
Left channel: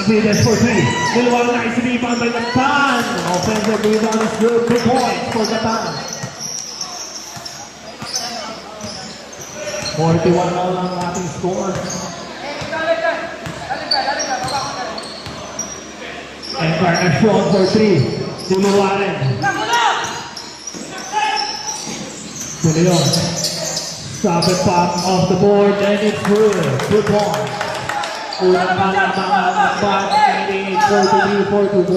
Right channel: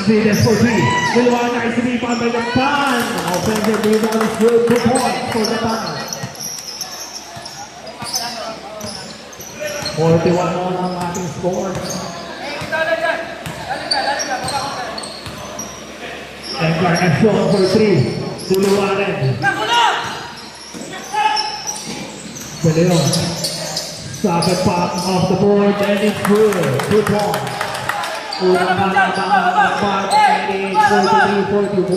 Benavides for three. Dalawa nice rebound by Japan. Offensive rebound is good. 2 points for Japan. 41 all ang ating score. Encarnacion for 3. Dalawa rin. De Leon. Stop it back off the board and it's good. 2 points. Unang bala ng back, 43-41.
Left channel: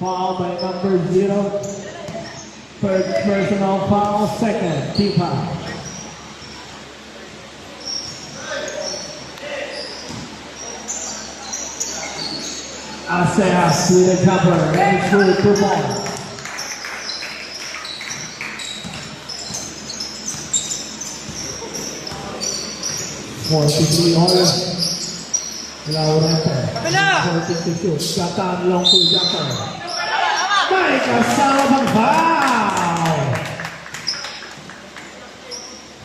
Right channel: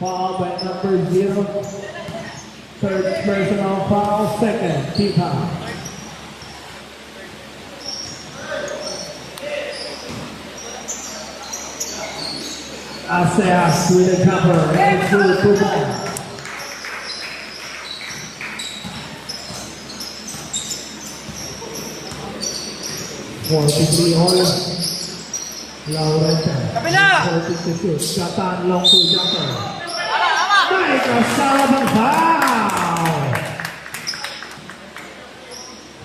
Foul by number 0. Third personal foul, second, Tipa. Asayas with a jumper, and it's good, 2 points. Forty-three all. Laurente. 40 to shoot. Japan long to jumper. May kasama ng foul.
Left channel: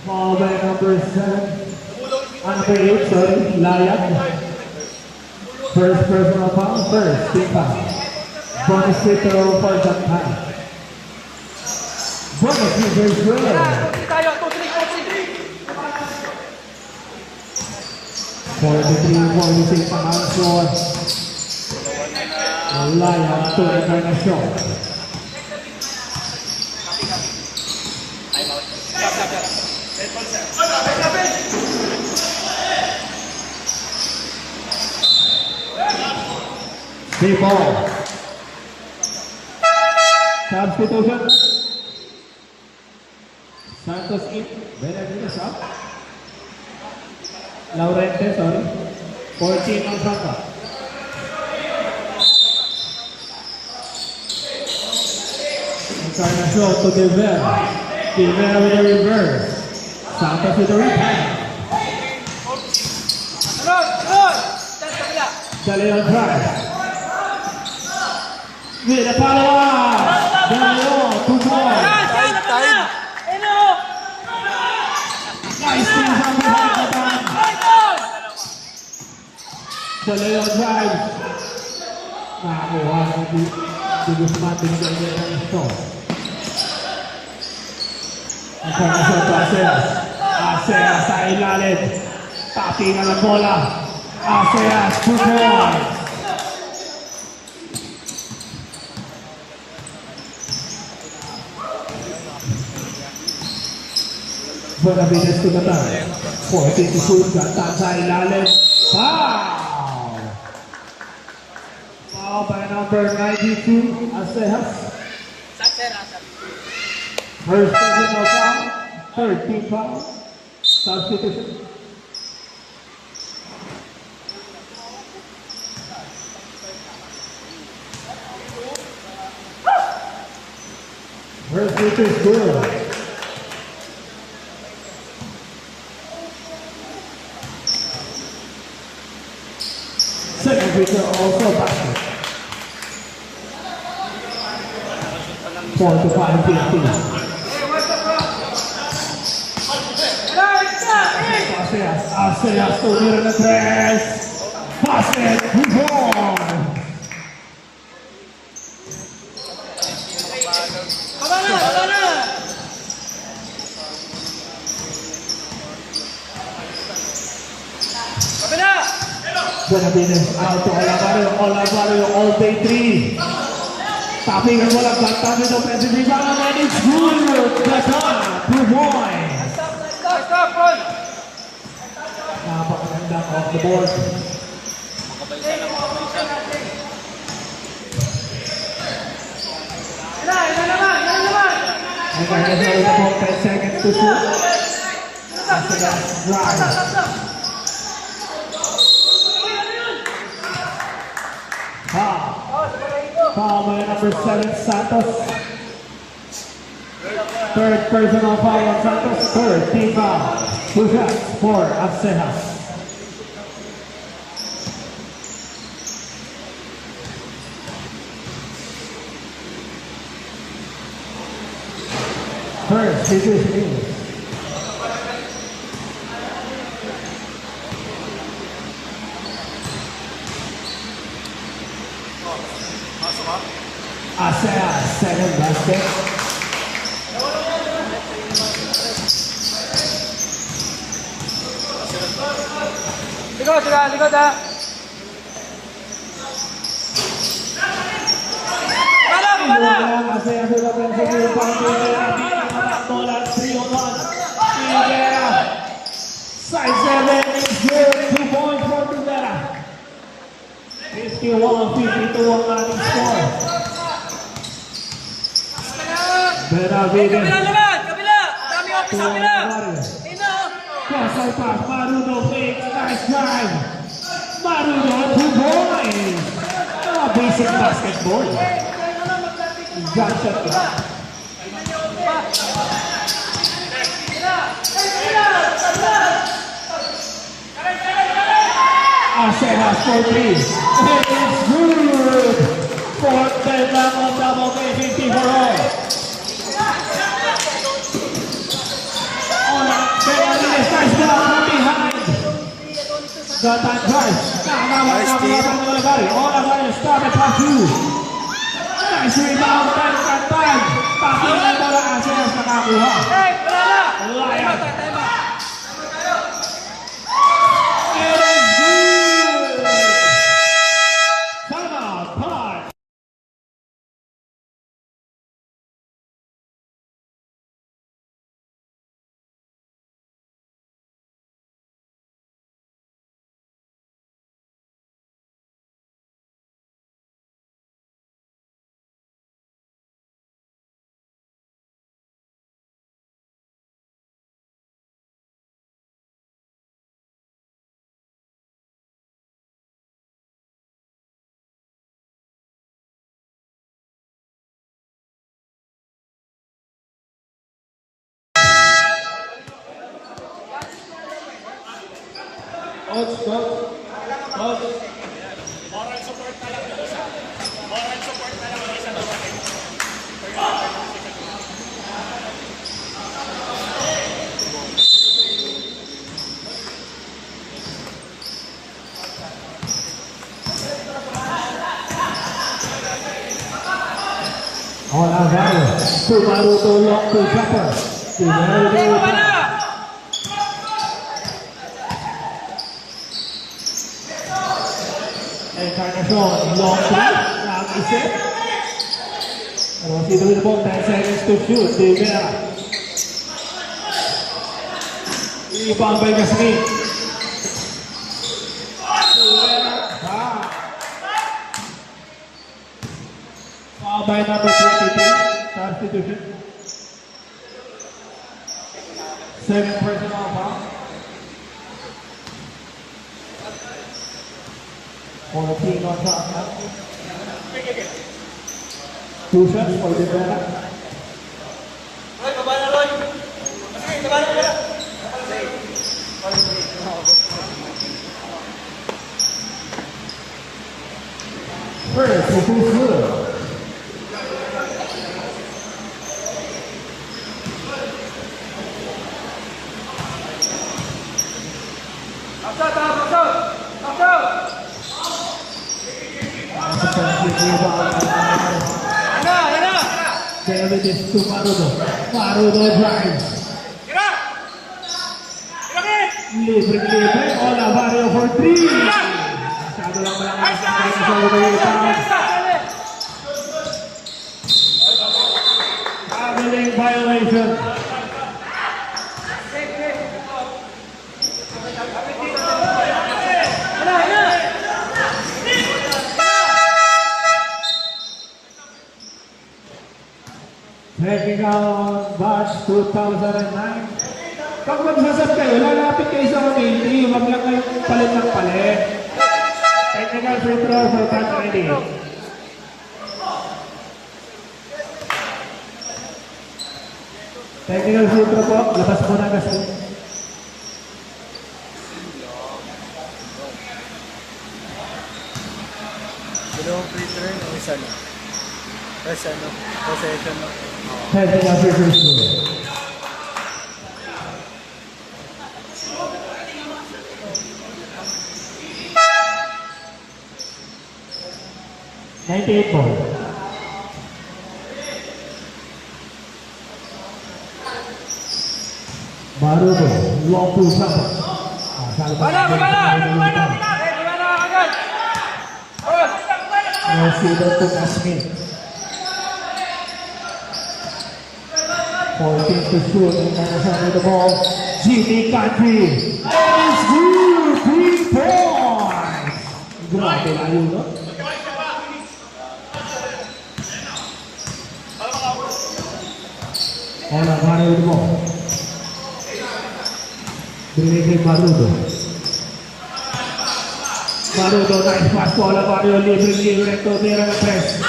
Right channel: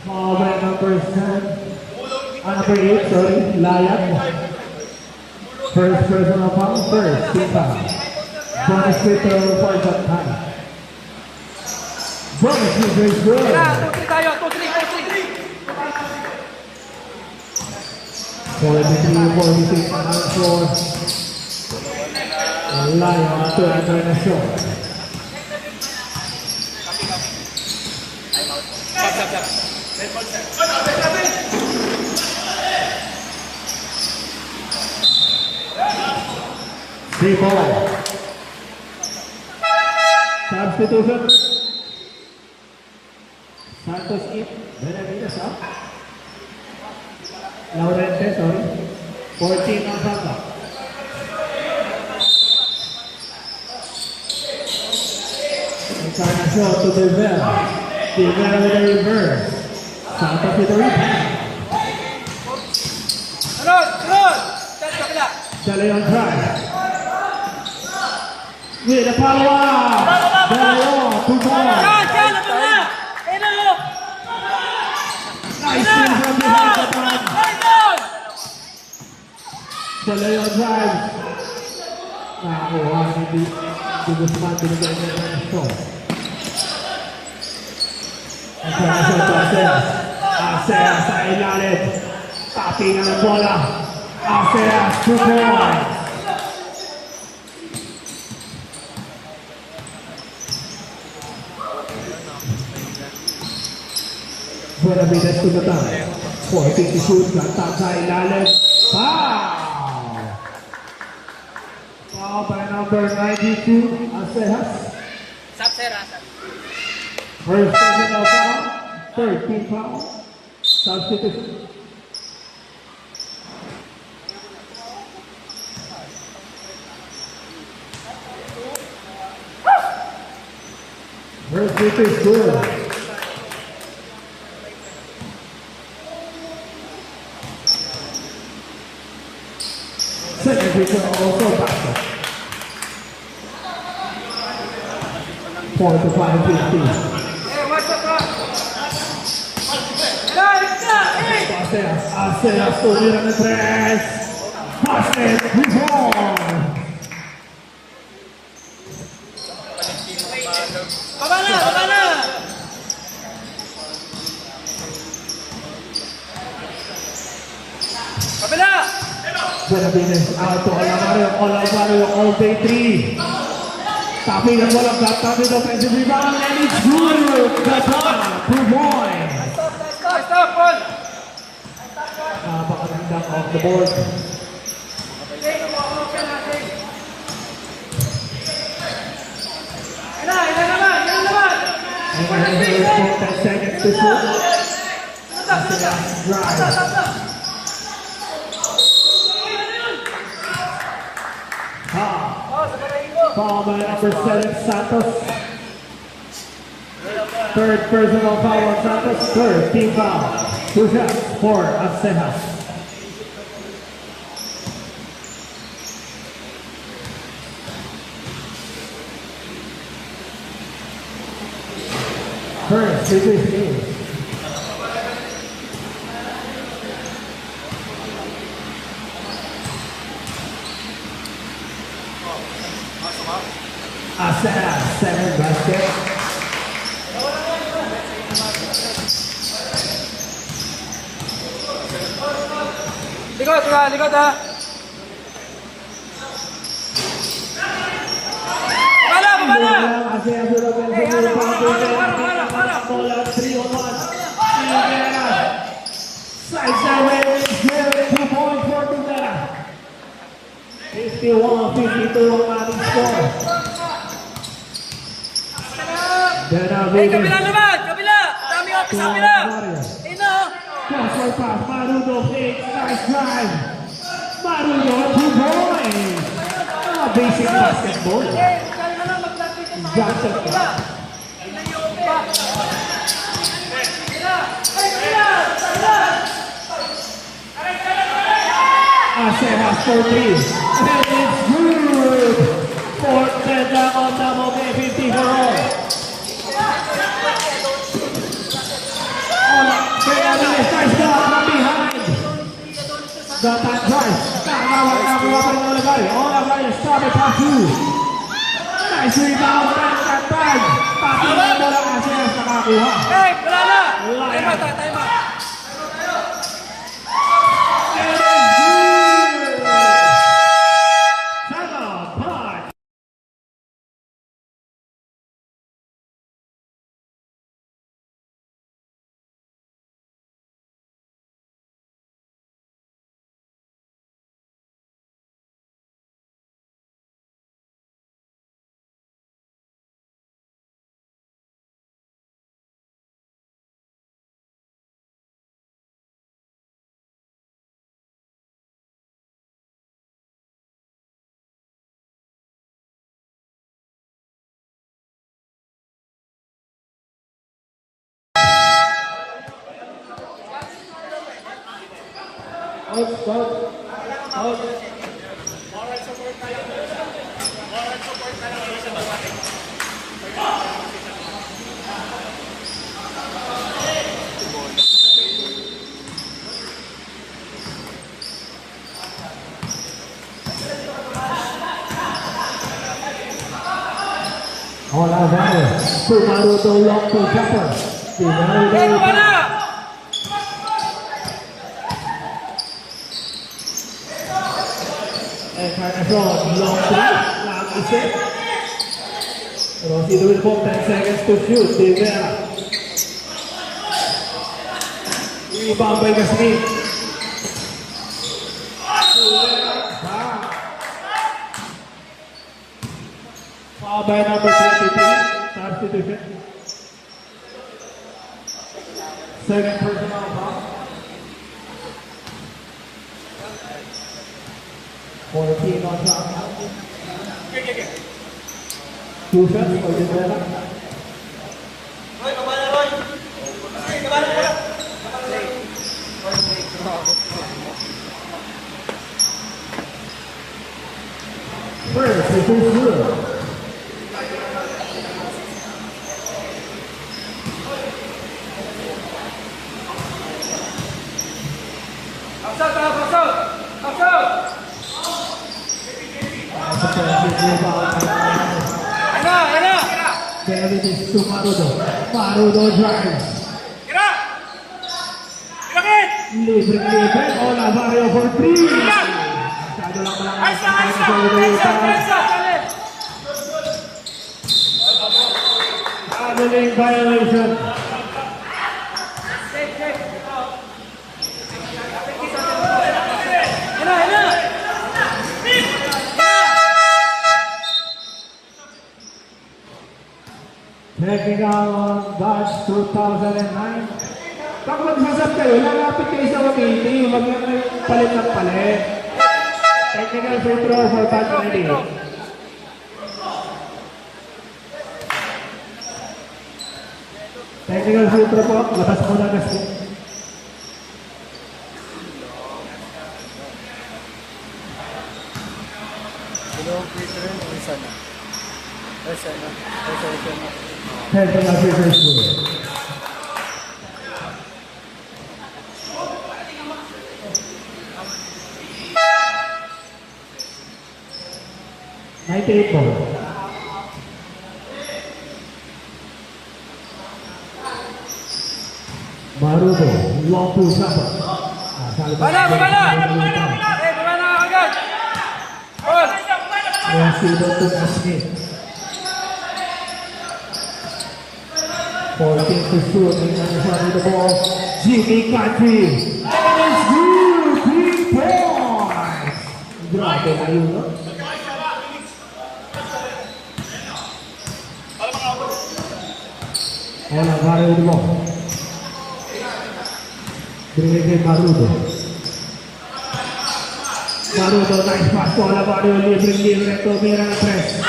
Foul by number 7. Number 8, sorry. Layab. First personal foul. First. Tipa. Bonus free throw for Japan. Bonus free throw. Tayo, 2-3. 43-46 ang score. Lion to Encarnacion. Three ball. Substitution. Santos in. Benavides out. Laurente, sorry. 14 ang sangka. Encarnacion to De Vera. De Vera with a reverse. Santos with a rebound. De Leon drive. With a follow-up. De Leon, 2 points. Nice thing from behind the back. De Leon drive. Nakakuha ng di Guzman binigay ng score. Encarnacion to Asayas. Asayas sa ilalim. Patingan ang bola. Asayas, 2 points. Benavides tumatang. 40 to shoot. Gata sa ilalim. Foul! Foul by number 92, Asayas. First personal foul. Third team foul. Substitution. First free throw is good. Second free throw also basket. 4-5-15. Asayas tumira ng press. Basket, rebound. Benavides out to Olavario all day 3. Tapping and walang got, tapping offensive rebound, and it's good. Good one, 2 points. Stop, Paul! Napakagandang off the board. And then there's about 10 seconds to shoot. That's the last drive. Foul by number 7, Santos. Third personal foul on Santos. Third team foul. 2 shots for Arcenas. First, this is me. Arcenas, 7 baskets. Likod ha! Arcenas sudah berhasil bola 3-on-1. Side 7, 2 points for Tugera. 51-52 ang ating score. Benavides. Kabila naman! Kabila! Dami ako sa kabila! Ayun na! Cross pass, Marudo fakes, nice drive. Marudo, 2 points. Mga basic basketball. Jump shot ka. Arcenas for 3. And it's good. Fourth bed double, 50 for all. Benavides, nice block from behind. The back drive. Olavario, stop it on 2. Nice rebound, tag. Tapos na bola Arcenas nakakuha. Hey! Wala na! Time out! Timeout, pause. Olavario, Marudo lock to jumper. Marudo. Encarnacion, long 3, lang isa. Rossi Dulbo, 10 seconds to shoot. Tigera. Rebound by Gasmin. Foul by number 23. Substitution. Second personal foul. For the team on top now. 2 shots for Tugera. Roy, baba na Roy! Baba na! First, this is good. Benavides to Marudo. Marudo drives. Libre. Olavario for 3. Masyado lang malakas ang kaya sa rebound. Traveling violation. Checking out batch 2009. Pag magsasap kayo, lalapit kayo sa community. Huwag lang kayo palit ng palit. Technical free throw for batch ready. Technical free throw po. Labas mo na gas po. Dalawang free throw yun, isa na. Possession na. Technical free throw. Marudo, long pull shot. Gimana agad? Sudah pun Asmin. 14 to shoot in the front of the ball. Jimmy Country. And it's good. 3 points. Grabe layo, no? Ela Marudo mo. Binigay Marudo. Marudo, nice pass. Bola Mario, libre ito. Mira ng press.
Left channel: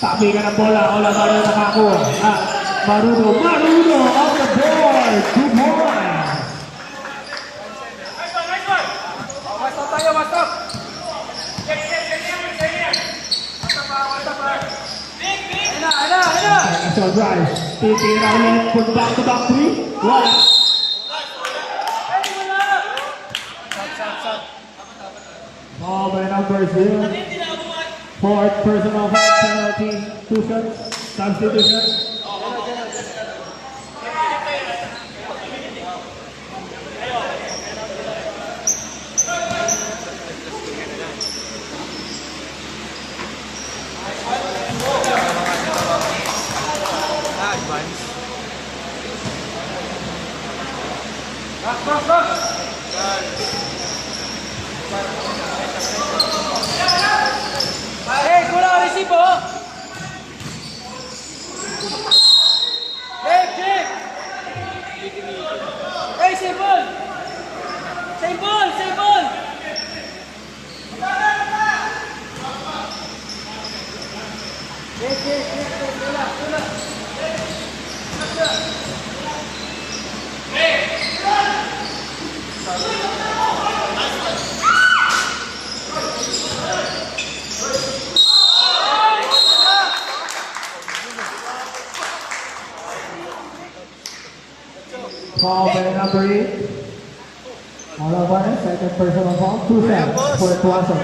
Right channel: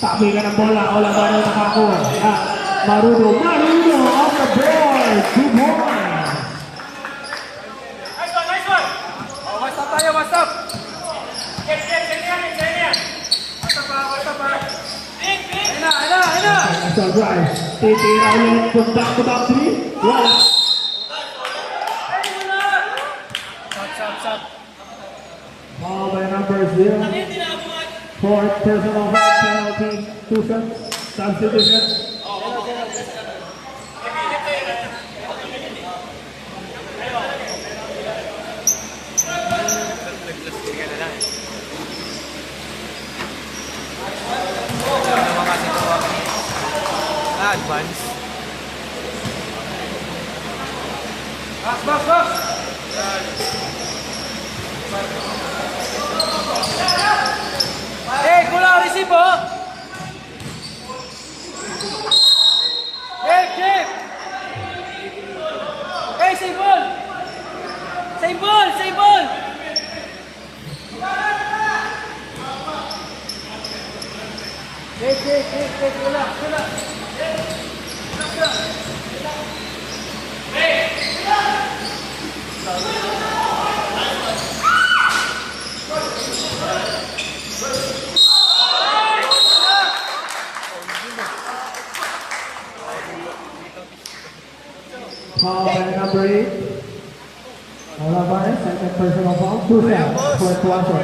Tabi ka ng bola. Ola Mario nakakuha. Marudo off the board. 2 points. Mastap tayo, mastap. So drive. Titira ulit. Punta to back 3. Wala. Ball by number 0. Fourth personal foul penalty. 2 shots. Substitution. Kulang resibo. Jim. Save ball. Foul by number 8. Olivares, second personal foul. 2 shots for Tuaso.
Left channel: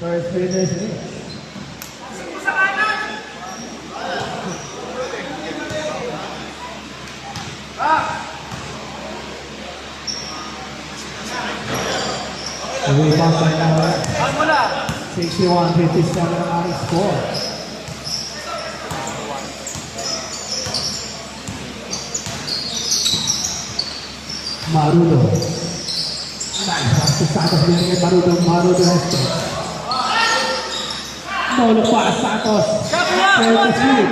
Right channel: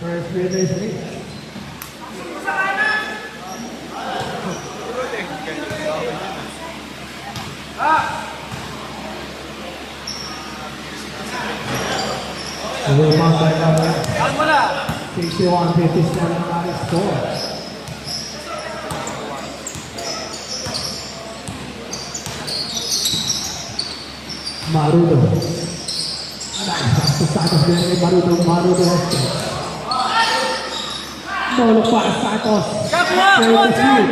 First free throw is made. Rebound by number 61-57 high score. Marudo. Nice. Santos binigay Marudo. Marudo has it. Molo pa Santos. Ready to shoot.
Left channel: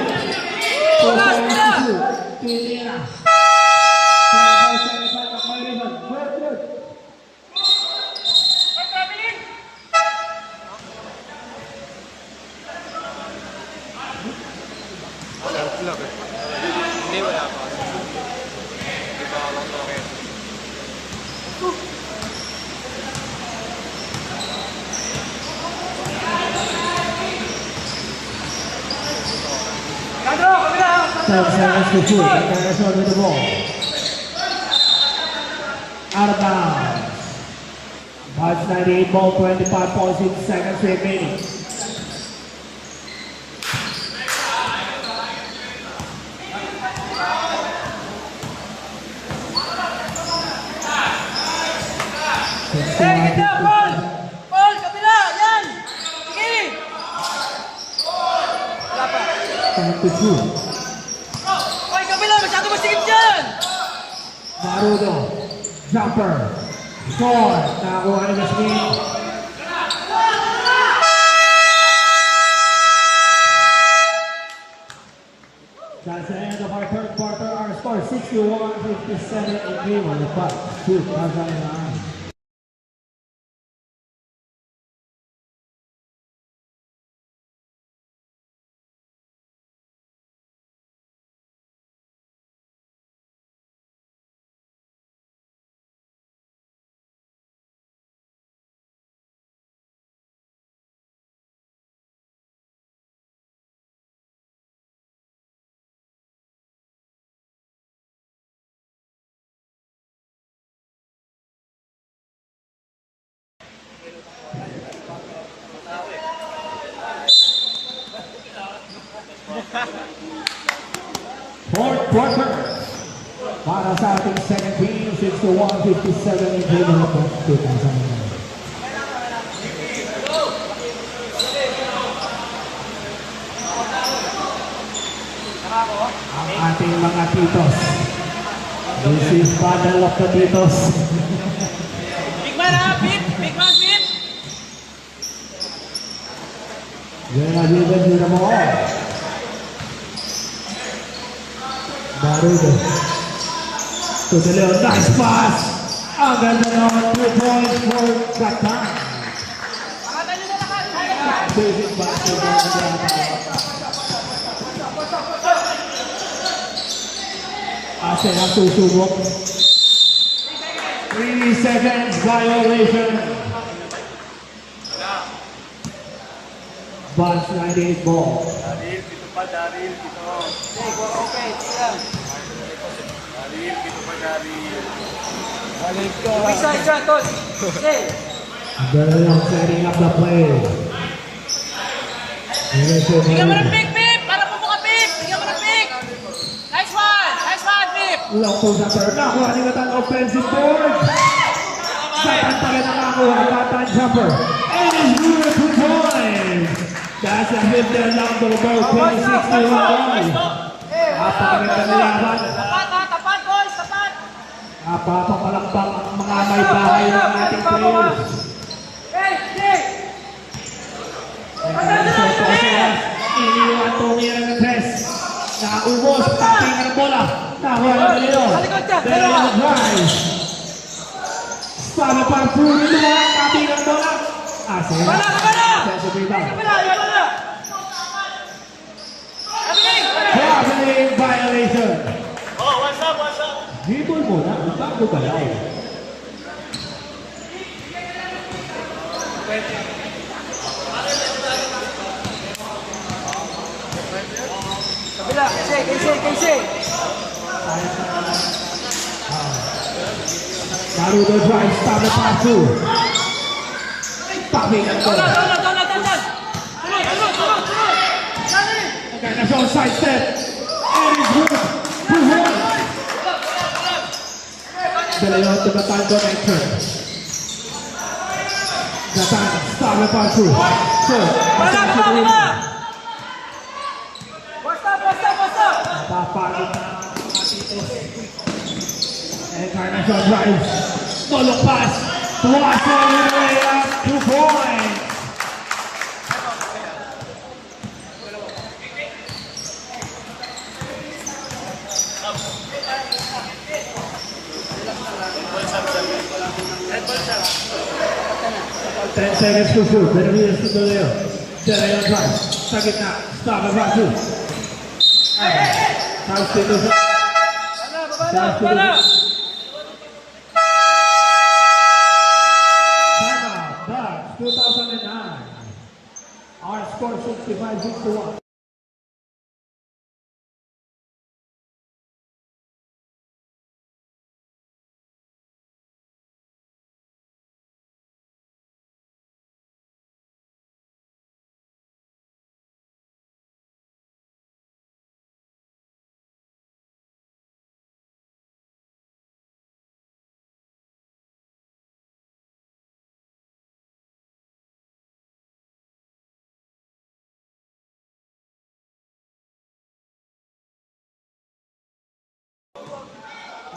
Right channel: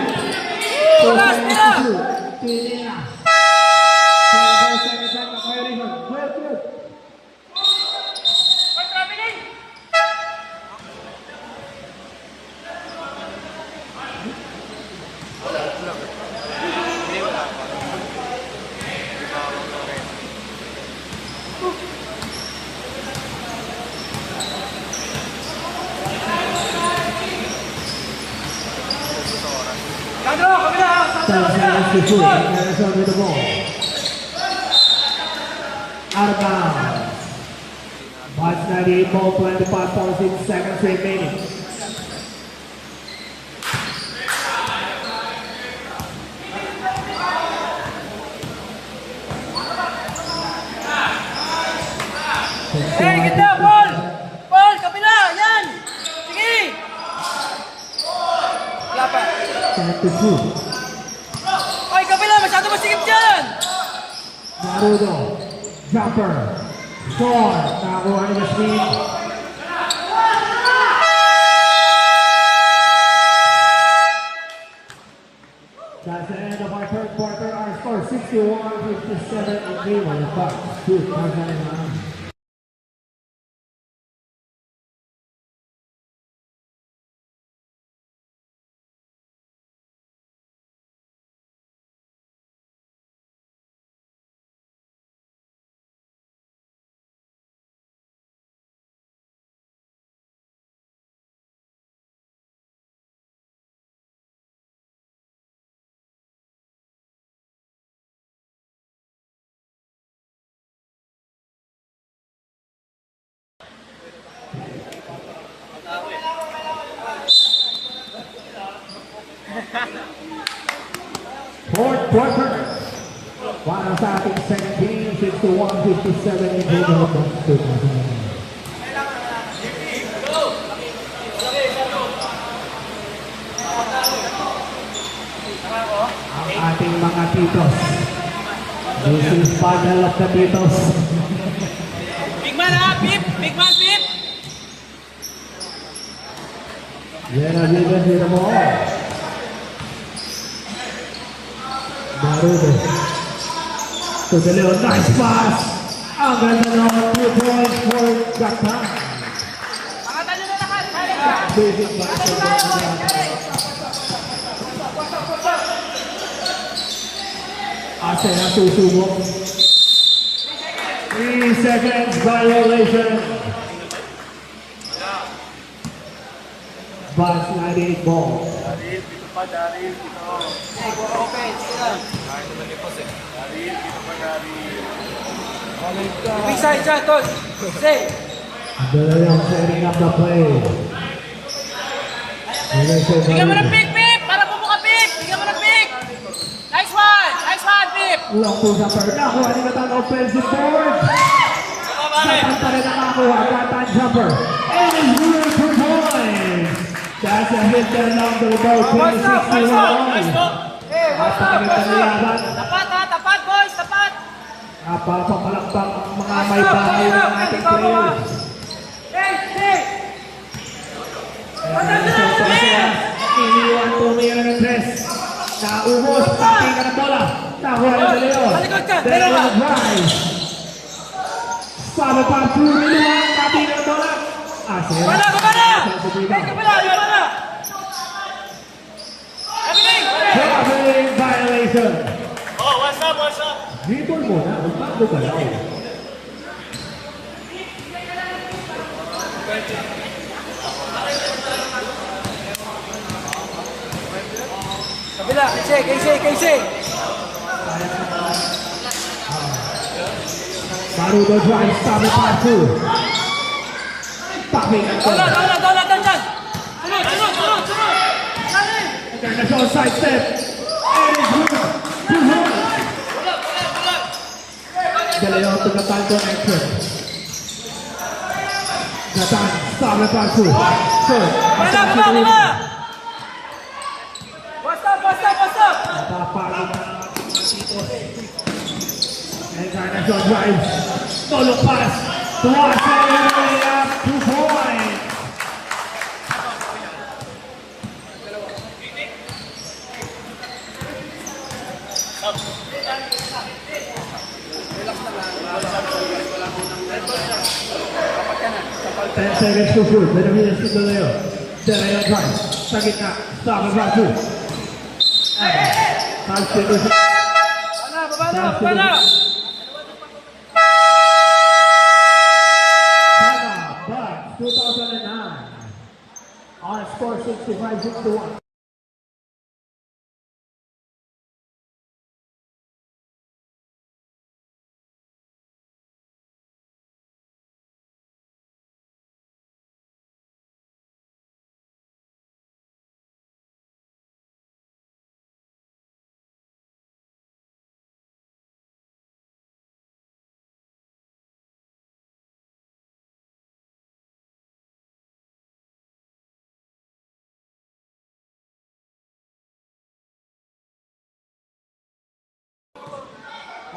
4 seconds to shoot. Pinira. 25 seconds on the violation. Good. Seconds to shoot. Minnesota with the ball. Out of bounds. 98 ball, 25.6 seconds remaining. Eh, ganda, Paul! Paul, kabila! Yan! Sige! Wala pa. Time to shoot. Paul, kabila! Masyado masikip dyan! Marudo, jumper, score, nakakuha na yung screen. That's the end of our third quarter. Our score 61-57 in favor of the Bucks. Shoot, nasa na. Fourth quarter. Para sa ating second team, 61-57 in favor of the Bucks. Ang ating mga titos. This is Padal of the Titos. Big man ha! Pip! Big man, Pip! Yan ang liban din mo. Marudo. To the Leon. Nice pass. Ang ganda ng 2 points for Gatan. Basic basketball. Asen ang susubok. 3 seconds violation. Bans 98 ball. Daryl, dito pa, Daryl, dito. Okay, sige lang. Daryl, dito pa, Daryl. Isa, isa, tol! Stay! Dalawang setting up the play. Bigyan mo ng pick, Pip! Para po ka, Pip! Bigyan mo ng pick! Nice one! Nice one, Pip! Long to jumper. Nakuha ni Gatan offensive forward. Gatan pa rin ang nakuha. Gatan jumper. It is good for points. That's a hit there number about 26 runs. Napakaganda na yaman. Tapat, ha? Tapat, boys! Tapat! Napapapalakpak ang mga may bahay ng ating players. Hey, hey! Iniwan po niya ng test. Naubos. Kaping ka ng bola. Nakuha na dalawa. Dalawa drive. Sama pa puro niya. Kaping ka ng bola. Asya. Kabala! Kabala! Kabala! Hey, kabala! Yan na! Everything! Traveling violation. Dribble mo na. Bago ka lang. Kabila! Casey! Marudo drive. Sama pa puro. Kaping ka ng bola. Down! Sunod! International side step. It is good. 2 points. Dalawa to Gatan to enter. Gatan, Pablo Pasu. Sir, Gatan to the rim. Basta! Napapalo na ang mga dito. International drive. Solo pass. Tuwasa in the layup. 2 points. Ten seconds to shoot. Benavides to the layer. Dalayan drive. Sa gitna. Stop ang Pasu. Five seconds. Babala! Bucks 2009. Our score 65-61.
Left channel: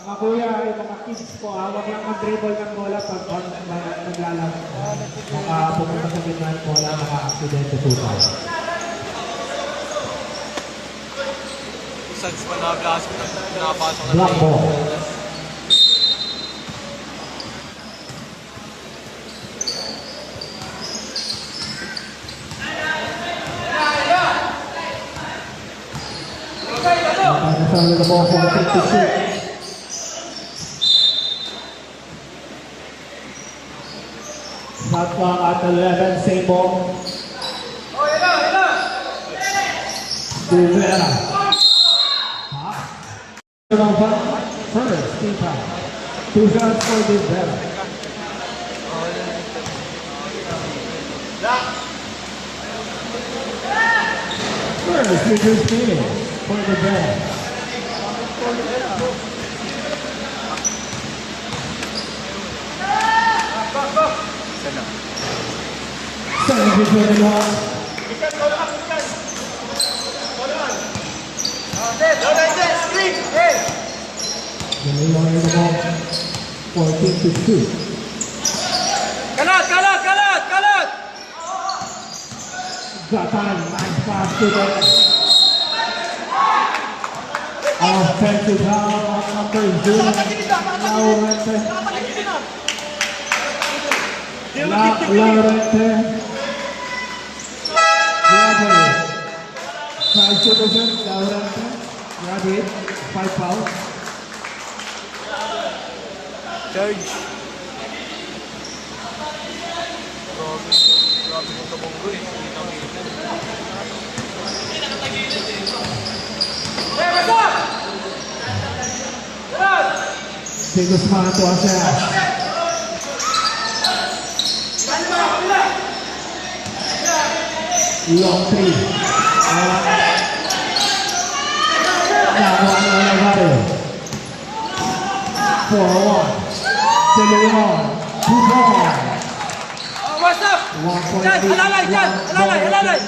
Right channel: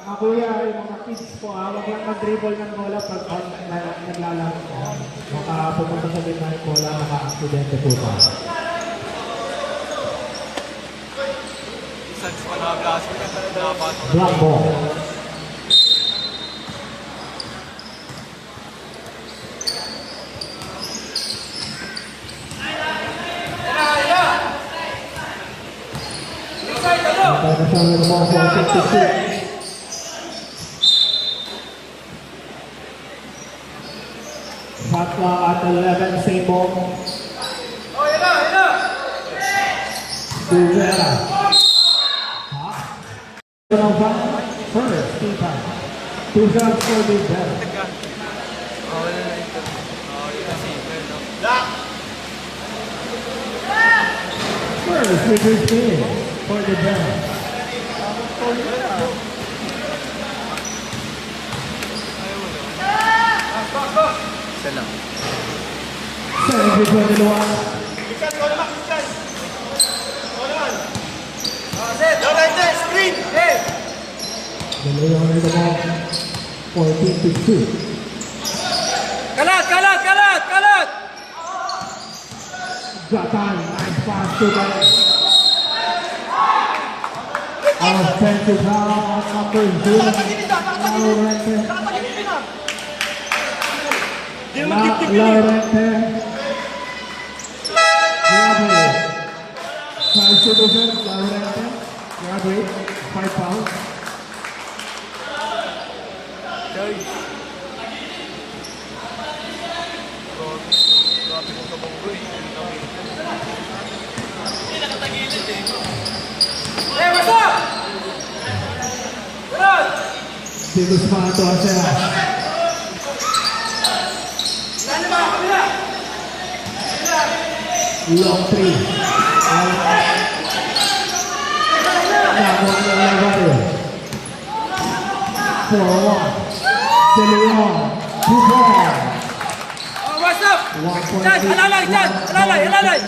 Mga kuya, yung mga kids po, huwag lang mag-dribble ng bola pag naglalaro. Baka pumunta sa din ng bola, maka-aksidente po tayo. Isang pa nakapasok na pinapasok na. Black ball. Nakasama na ball for 56. Shot clock at 11, same ball. Rivera. First, two times. 2 shots for Rivera. First, reduced field for Rivera. Isa lang. 7-21. Dalawa rin naman. 14-2. Kalat! Kalat! Kalat! Kalat! Japan and pass to the offensive foul on number 0. Laurente. Laurente. Grabe. 5 citizen, Laurente. Grabe. 5 fouls. Charge. Grabe mo sa bonggoy. Titus Manto Asea. Long three. Nakuha ng Navarro. 4-1. De Leon. 2 ball. What's up? 1.8. Halalay! Dyan! Halalay! Halalay!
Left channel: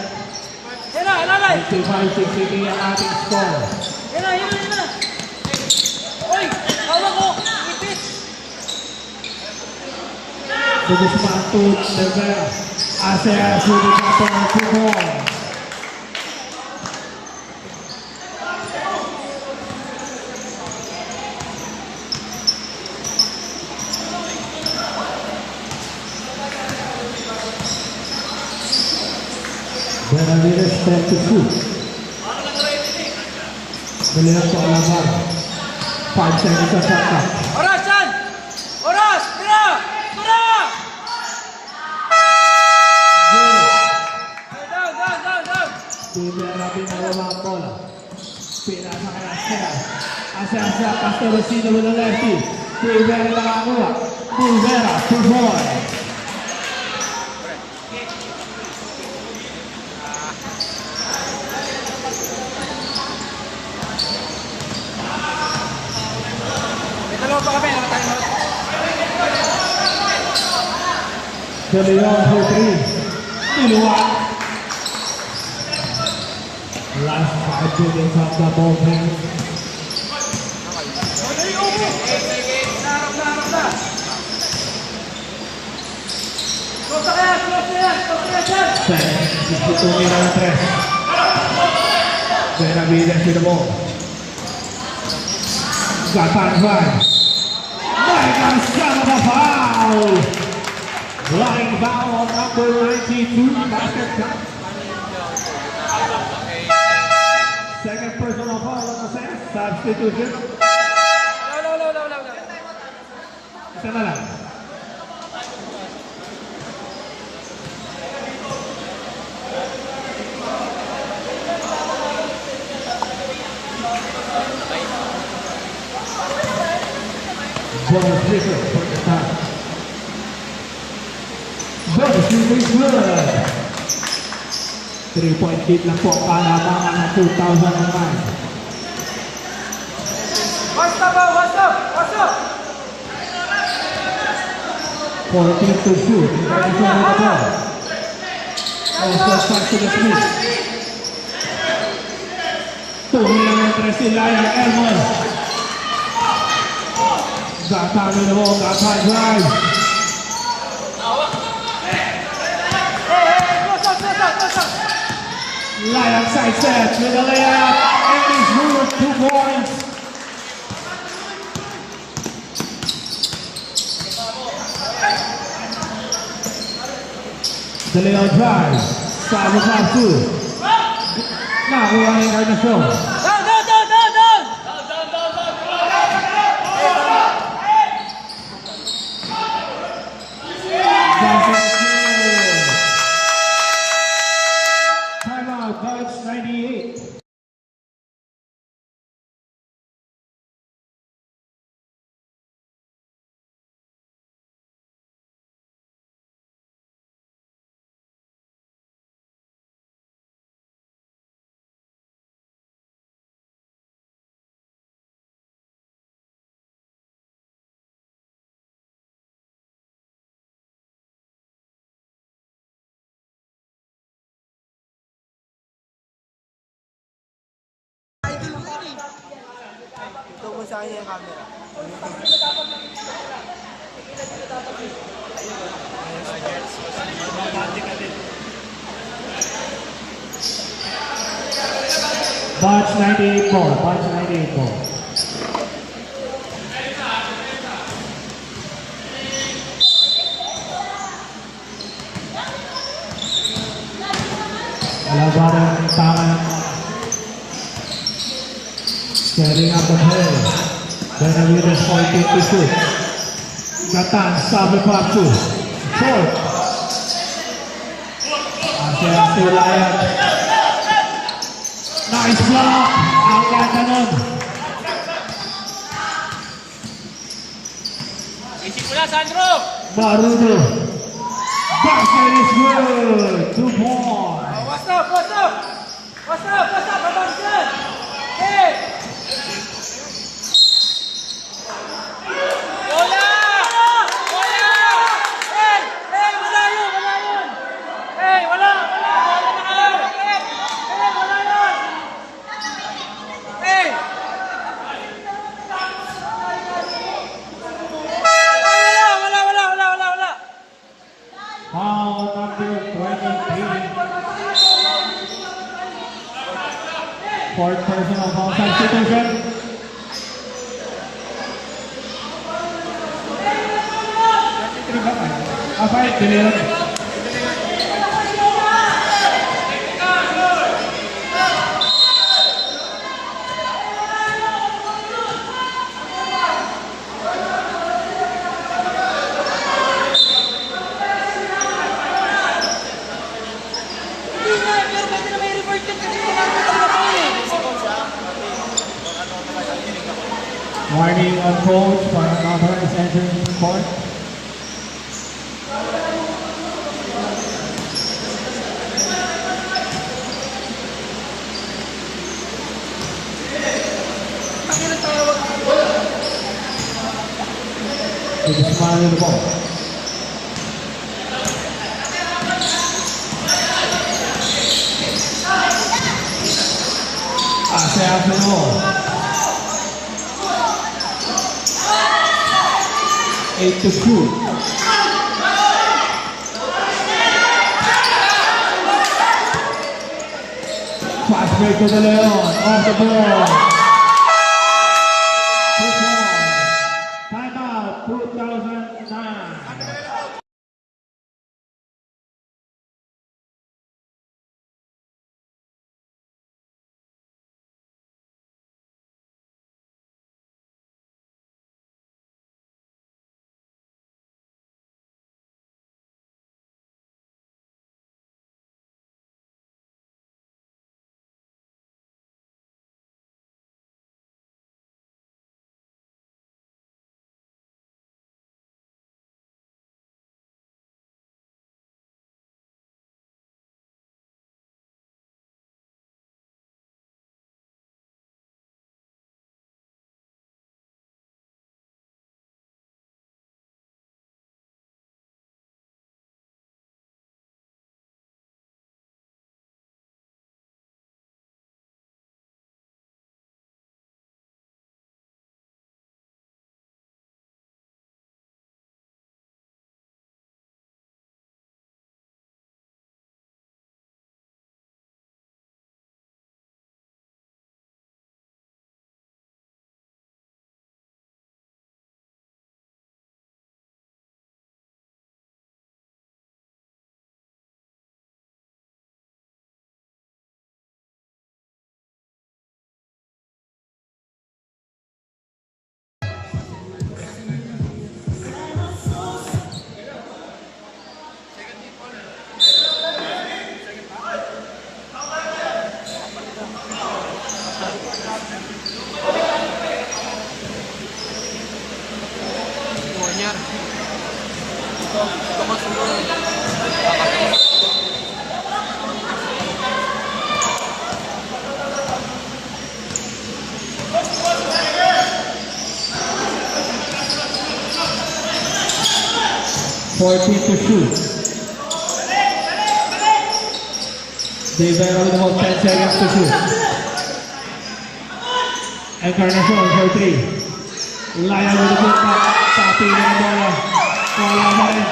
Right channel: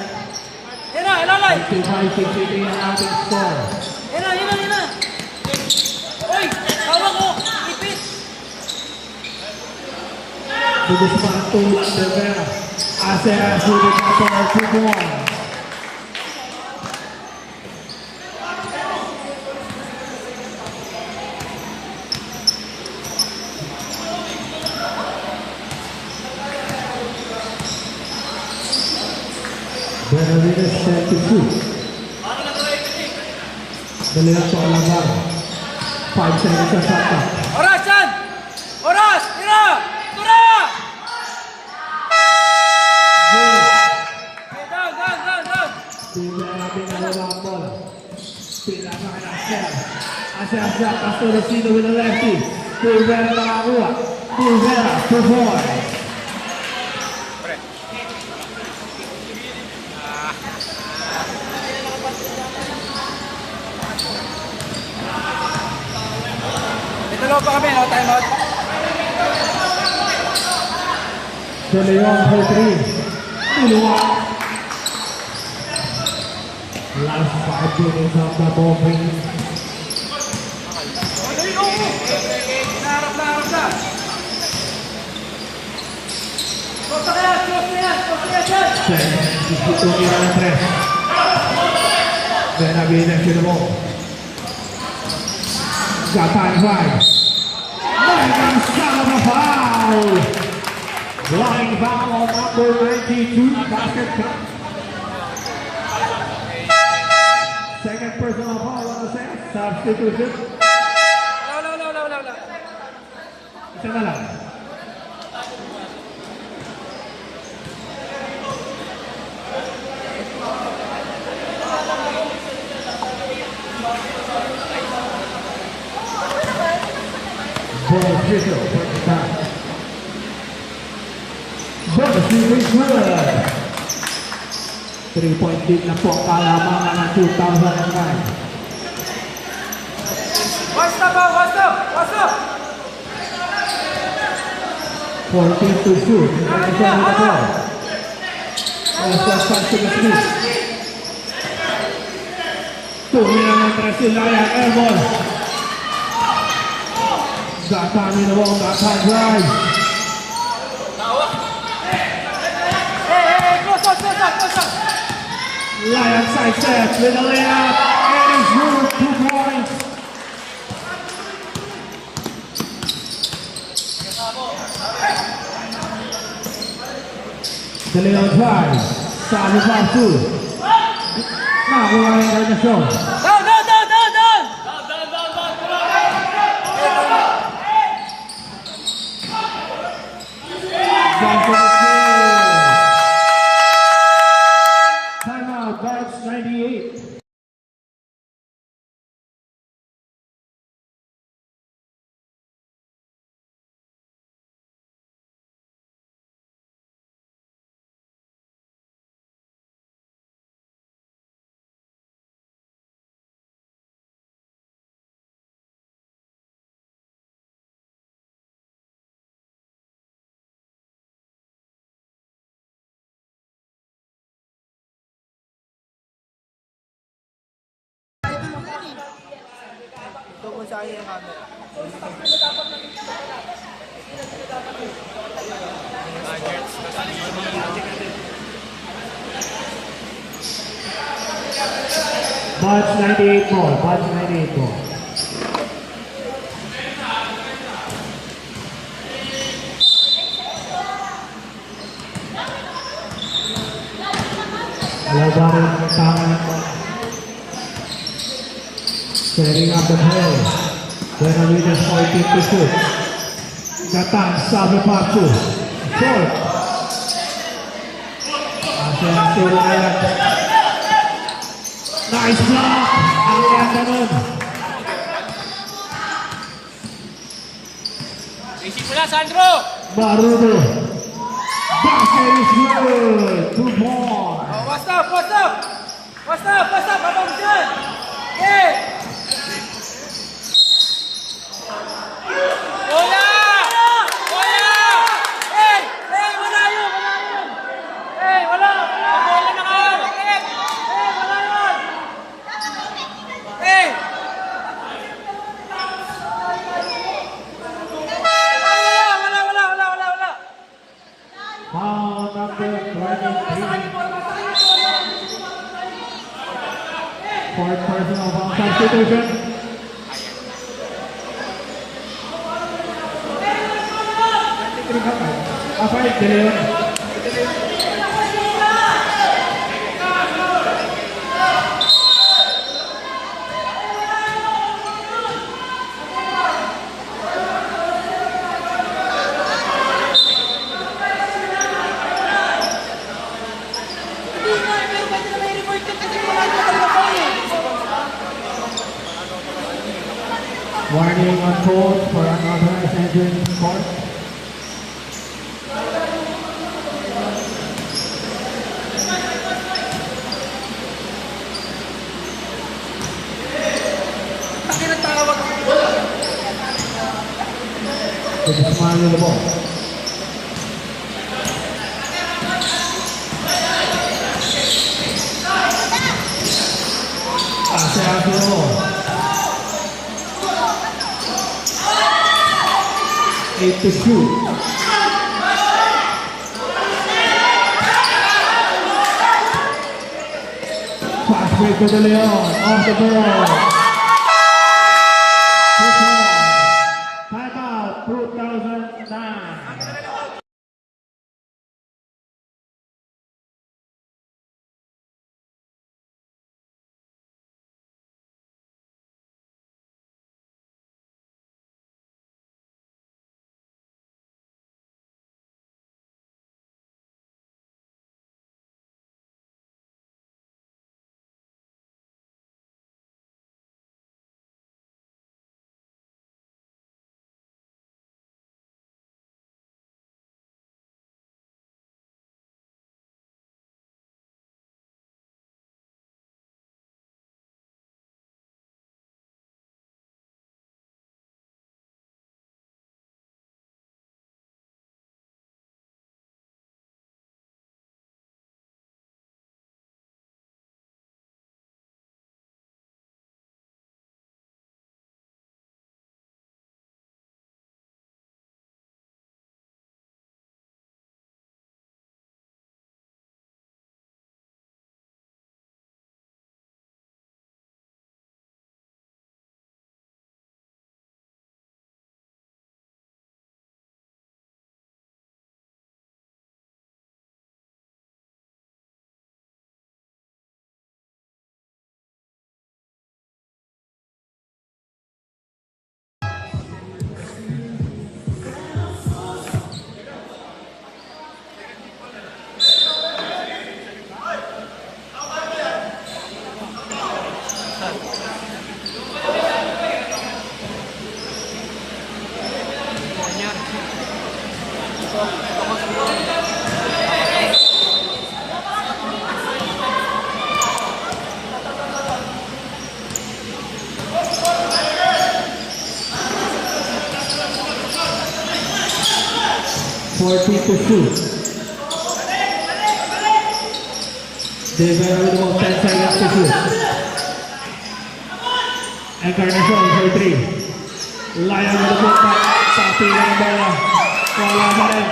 Hila! Halalay! 55-60 ang ating score. Hila! Hila! Hila! Uy! Tawag mo! Ipit! Titus Manto. Rivera. Asea. Sulit na po. 2 ball. Benavides 32. Dalawa po Navarro. 5 seconds sa shot clock. Oras dyan! Oras! Tira! Tira! Good. Down! Down! Down! Down! Bigyan natin na limang bola. Pira sa kanya Asea. Asea siya. Pastorosino with a lefty. Rivera nakakuha. Rivera. 2 points. Dalawa pa kami, no? Time out. De Leon for 3. Dalawa. Last 5 minutes of the ball game. Close na yan! Close na yan! Close na yan! 62 ang 3. Benavides sinubok. Japan 5. Line son of a foul. Line foul on number 92. Basket count. Second personal foul on the substitution. Law. Isa na lang. Bonus Zipper for the back. Bonus is good. 3-point beat na po ang kalamangan ng 2009. What's up? What's up? What's up? 14-2. Ready for the ball. Also pass to the Smith. Tumira ng Tresilaya, Elmore. Got time in the wall, got time drive. Lion sidestep with a layup, and he's moved 2 points. The Leon drive, start with top 2. Now we are in the show. Down! Timeout, Bucks 98. Ito mo sa akin yung camera. Bucks 98 ball, Bucks 98 ball. Labanan ng tangan. Setting up the play. Benavides pointing to shoot. Natan, stop the pop two. Short. Masih Ryan. Nice block. Ang ganda nun. Simula, Sandro! Barudo. Basket is good. 2 points. What's up? Abang dyan! Okay! Wala na kayo! Wala! Foul number 23. Fourth personal foul substitution. Five, Dylan. Pero bakit na may report ka kasi wala na pag-report eh? Warning on court for unauthorized entry in court. To the smile of the ball. Pase after all. 8 to shoot. Fast break to the Leon. Off the ball. Timeout 2009. 14 to shoot. Rivera with about 10 seconds to shoot. Encarnacion for 3. Laya with the put back. Tapi ng bola. Wala na rin.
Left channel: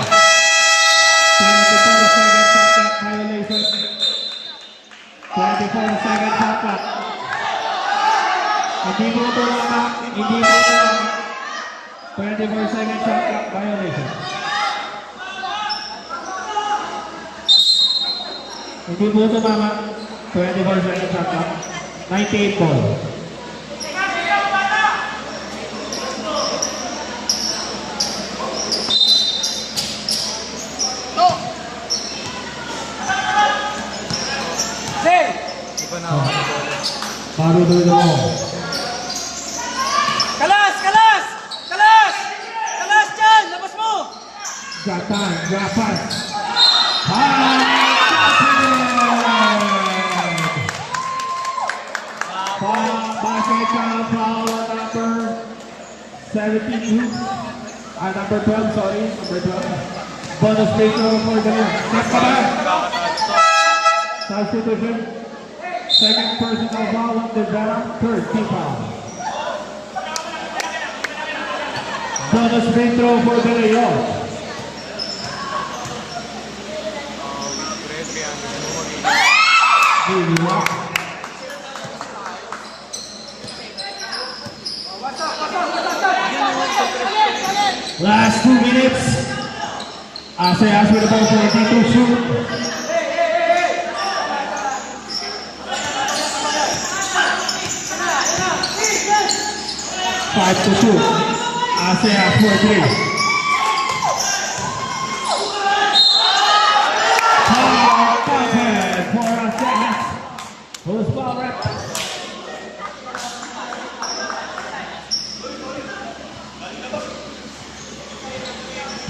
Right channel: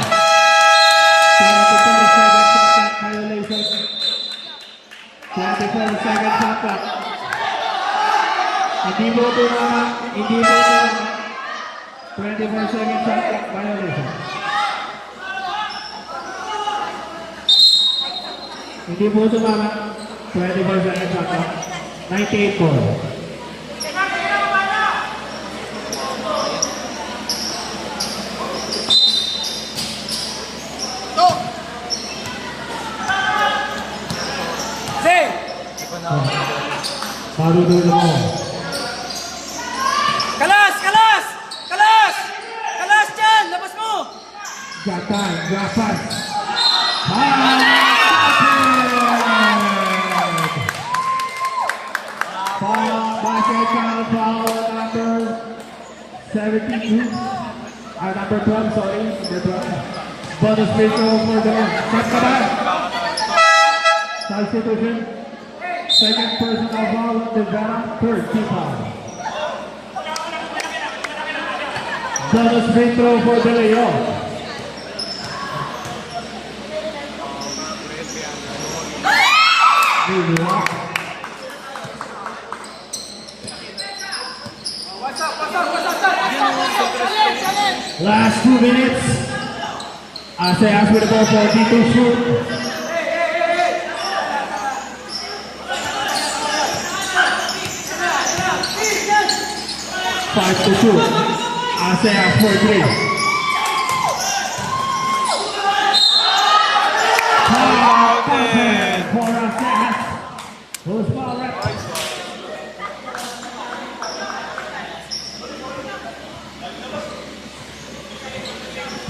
24 seconds shot clock violation. 24 seconds shot clock. Hindi mo ito na. 24 seconds shot clock violation. Hindi mo ito mama. 24 seconds shot clock. 98 ball. Marudulo mo. Kalas! Kalas! Kalas! Kalas dyan! Labas mo! Japan, Japan. Basketball foul number 72. Number 12, sorry. Number 12. Bonus free throw for the set ka ba? Substitution. Second personal foul on Rivera. Third team foul. Bonus free throw for the Leon. Last 2 minutes. ASEAS with about 42 shoot. Five to shoot. ASEAS for 3. For ASEAS. Who's foul?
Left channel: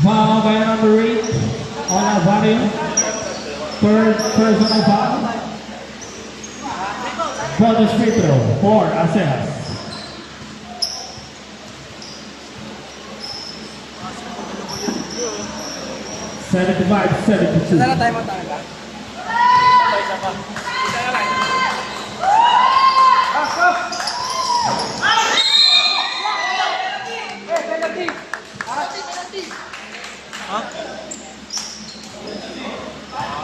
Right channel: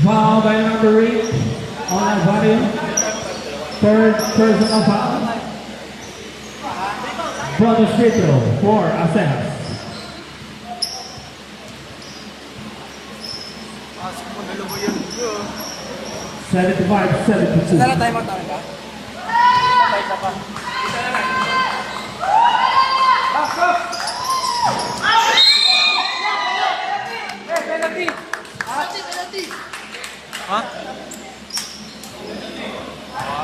Foul by number 8 on Alvario. Third personal foul. Bonus free throw for ASEAS. Seventy-five, 72. Tara tayo magtayo ka? Tayo siya pa. Isa na lang.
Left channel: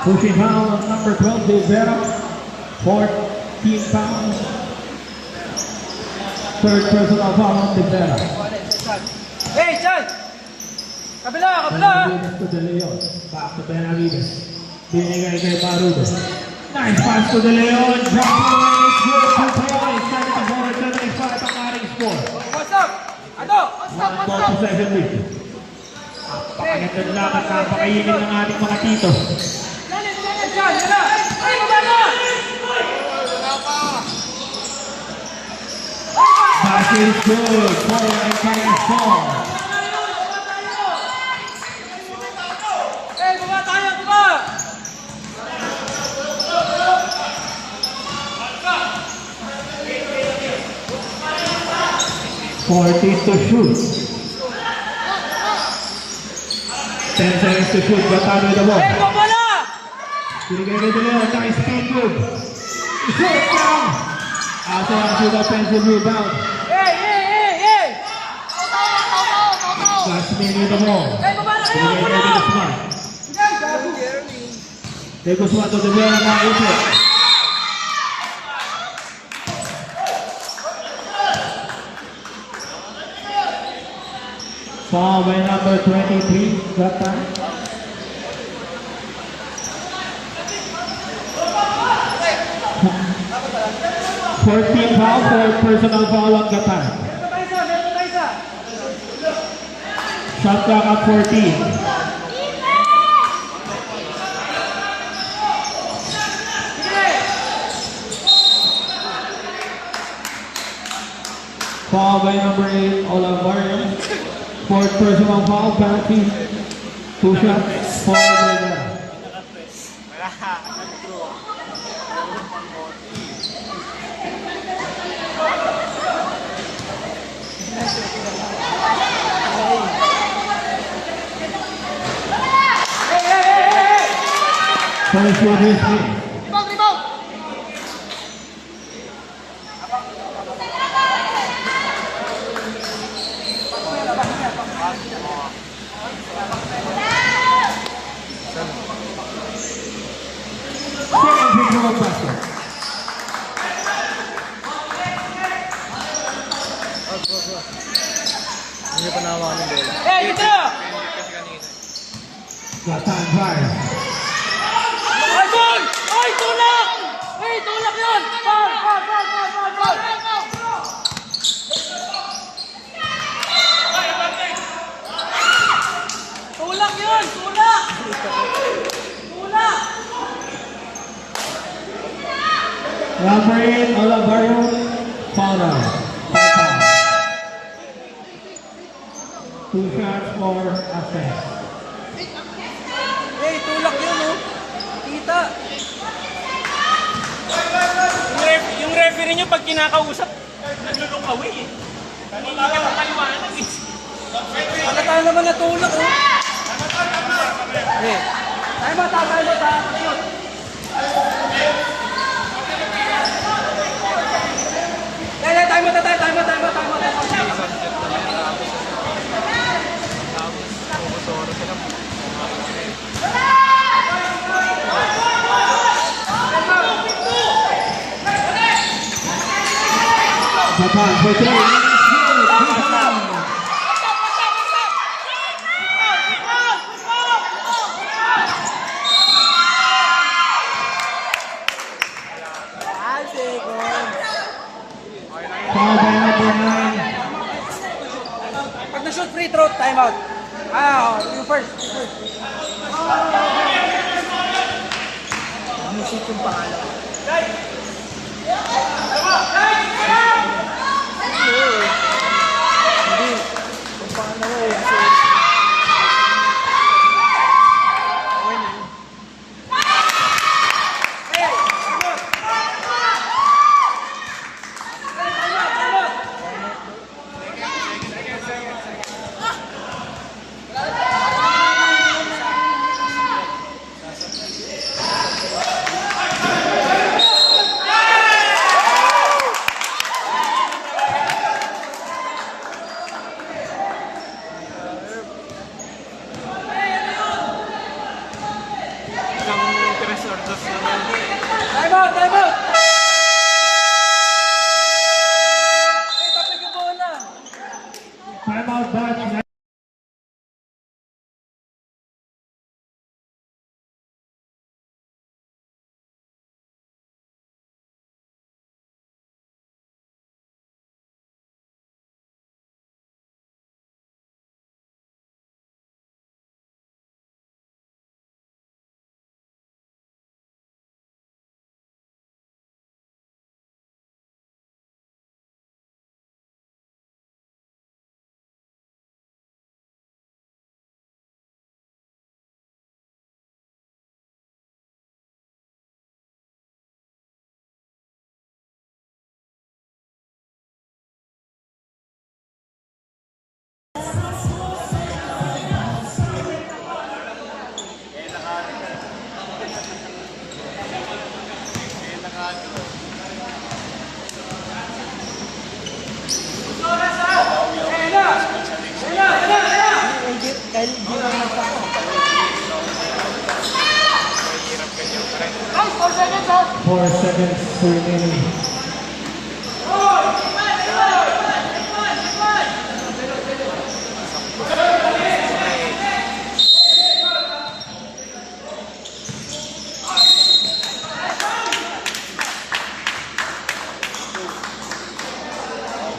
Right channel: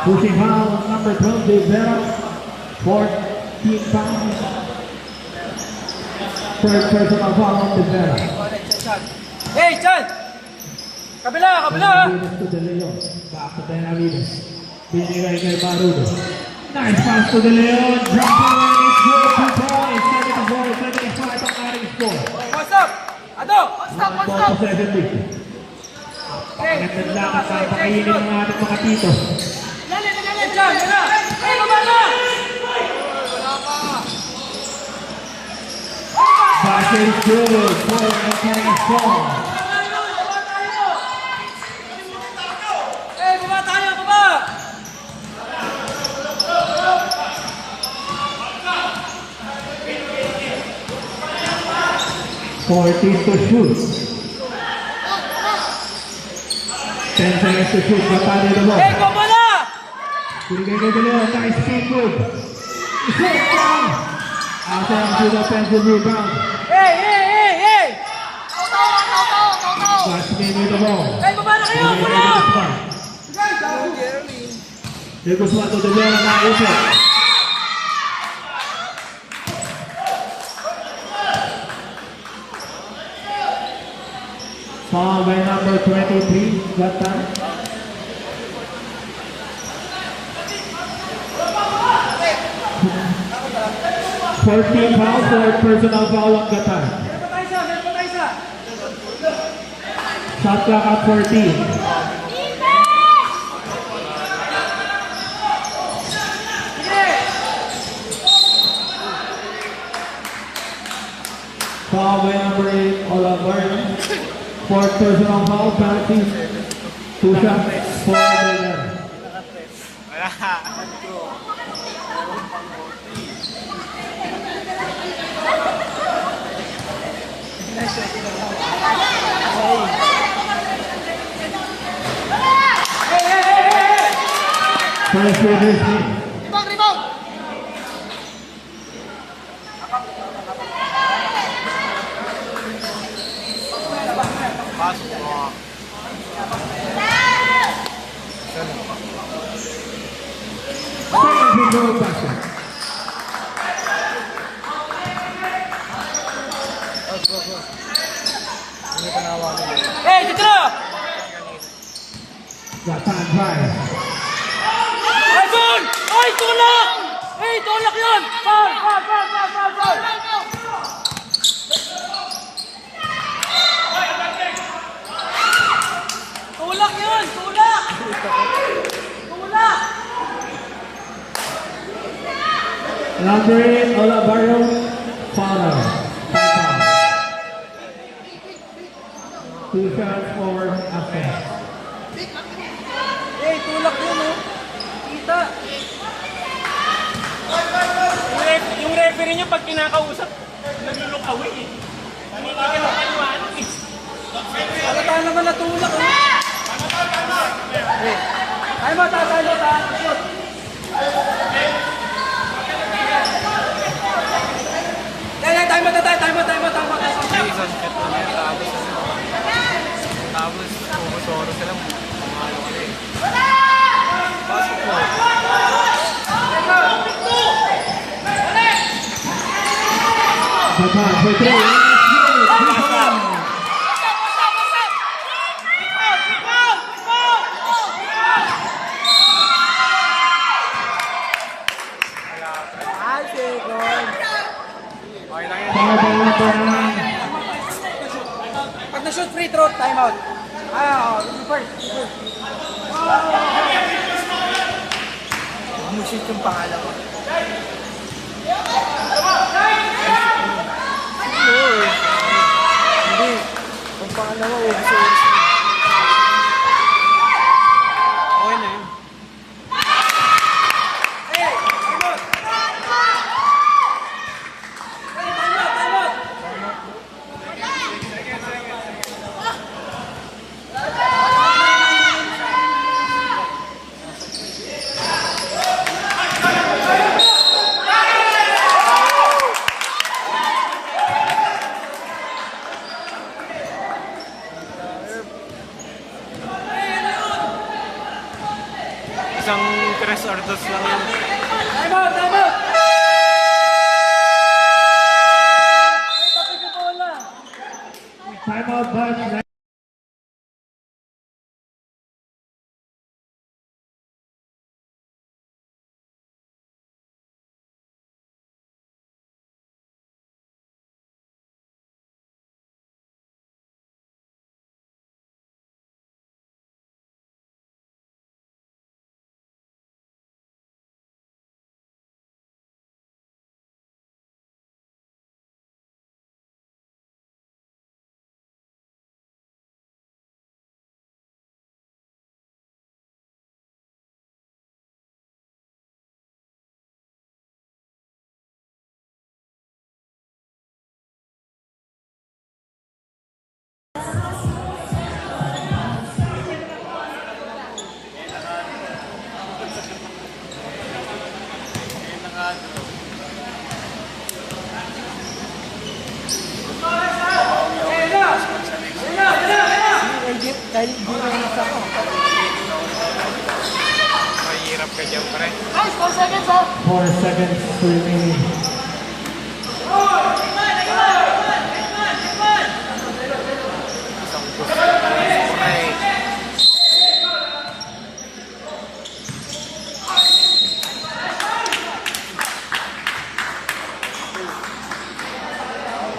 Pushing foul on number 12, Rivera. 14 fouls. Third personal foul on Rivera. Hey, Chan! Kabila! Kabila! Benavides to De Leon. Back to Benavides. Binigay kay Marudo. Nice pass to De Leon. Drop away. It's good for Tony. 7-4, 7-5 ang ating score. What's up? Ano? What's up? What's up? 1-7 lead. Naglalakad na pakainin ng ating mga tito. Chan! Wala! Ay! Wala! Basket is good. Following the current score. Hey! Baba tayo! Baba! 40 to shoot. 10 seconds to shoot. Gatari the ball. Hey! Baba na! Binigay kay De Leon. Nice speed move. Shoot down. ASEAS with offensive rebound. Hey! Hey! Hey! Hey! Jasmine with the ball. Hey! Baba na kayo! Binigay kay Baba! Guzman. Guys! De Guzman to De Leon na isip. Foul by number 23, that time. Fourteen foul for personal foul on the time. Shot clock at 14. Foul by number 8, Olavario. Fourth personal foul, penalty. 2 shots for the First position. Second control pressure. Hindi ko nawalan din. Hey, dito na! Got time fire. Arjun! Ay, tulak! Ay, tulak yun! Foul! Foul! Tulak yun! Tulak! Tulak! Number 8, Olavarro, Fowler. 2 shots for offense. Eh, tulak yun, oh. Kita. Yung referee nyo pag kinakausap, nalulukawi eh. Hindi ka mapaliwanag eh. Halata naman na tulak, oh. Tayo mo, tayo mo, tayo mo. Yeah, tayo mo. Japan for 3. Foul by number 9. Pag na-shoot free throw, time out. You first. Music yung pangalan. Hindi. Yung pangalan mo, okay na yun. Isang 3 or 2 lang yun. Time out! Ay, tapos yung bola. Timeout bunch. Dahil di na nagkako. 4 seconds remaining.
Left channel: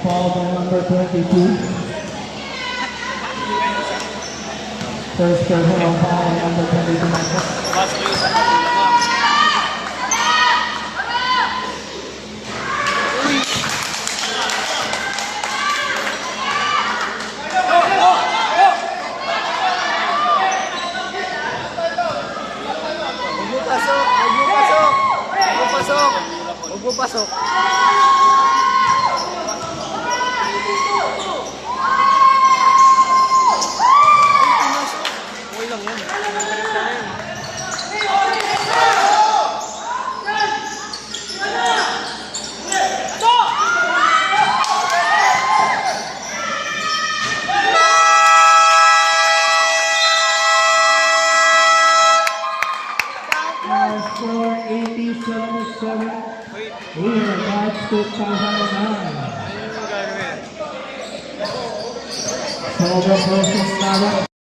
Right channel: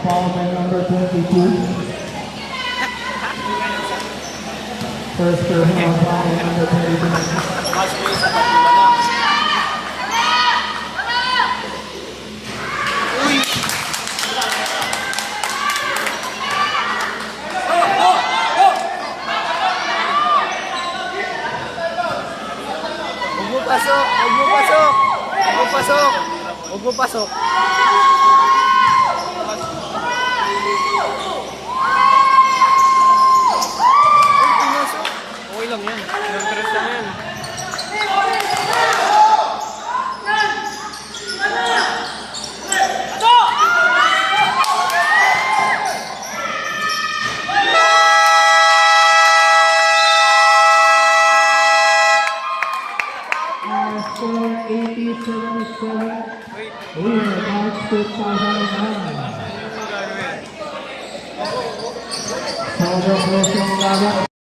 Foul by number 22. First personal foul by number 22. Huwag mo pasok. Okay lang yan. Interest lang yan. March 2009. Ano yung gagawin? Sobrang close yung laban.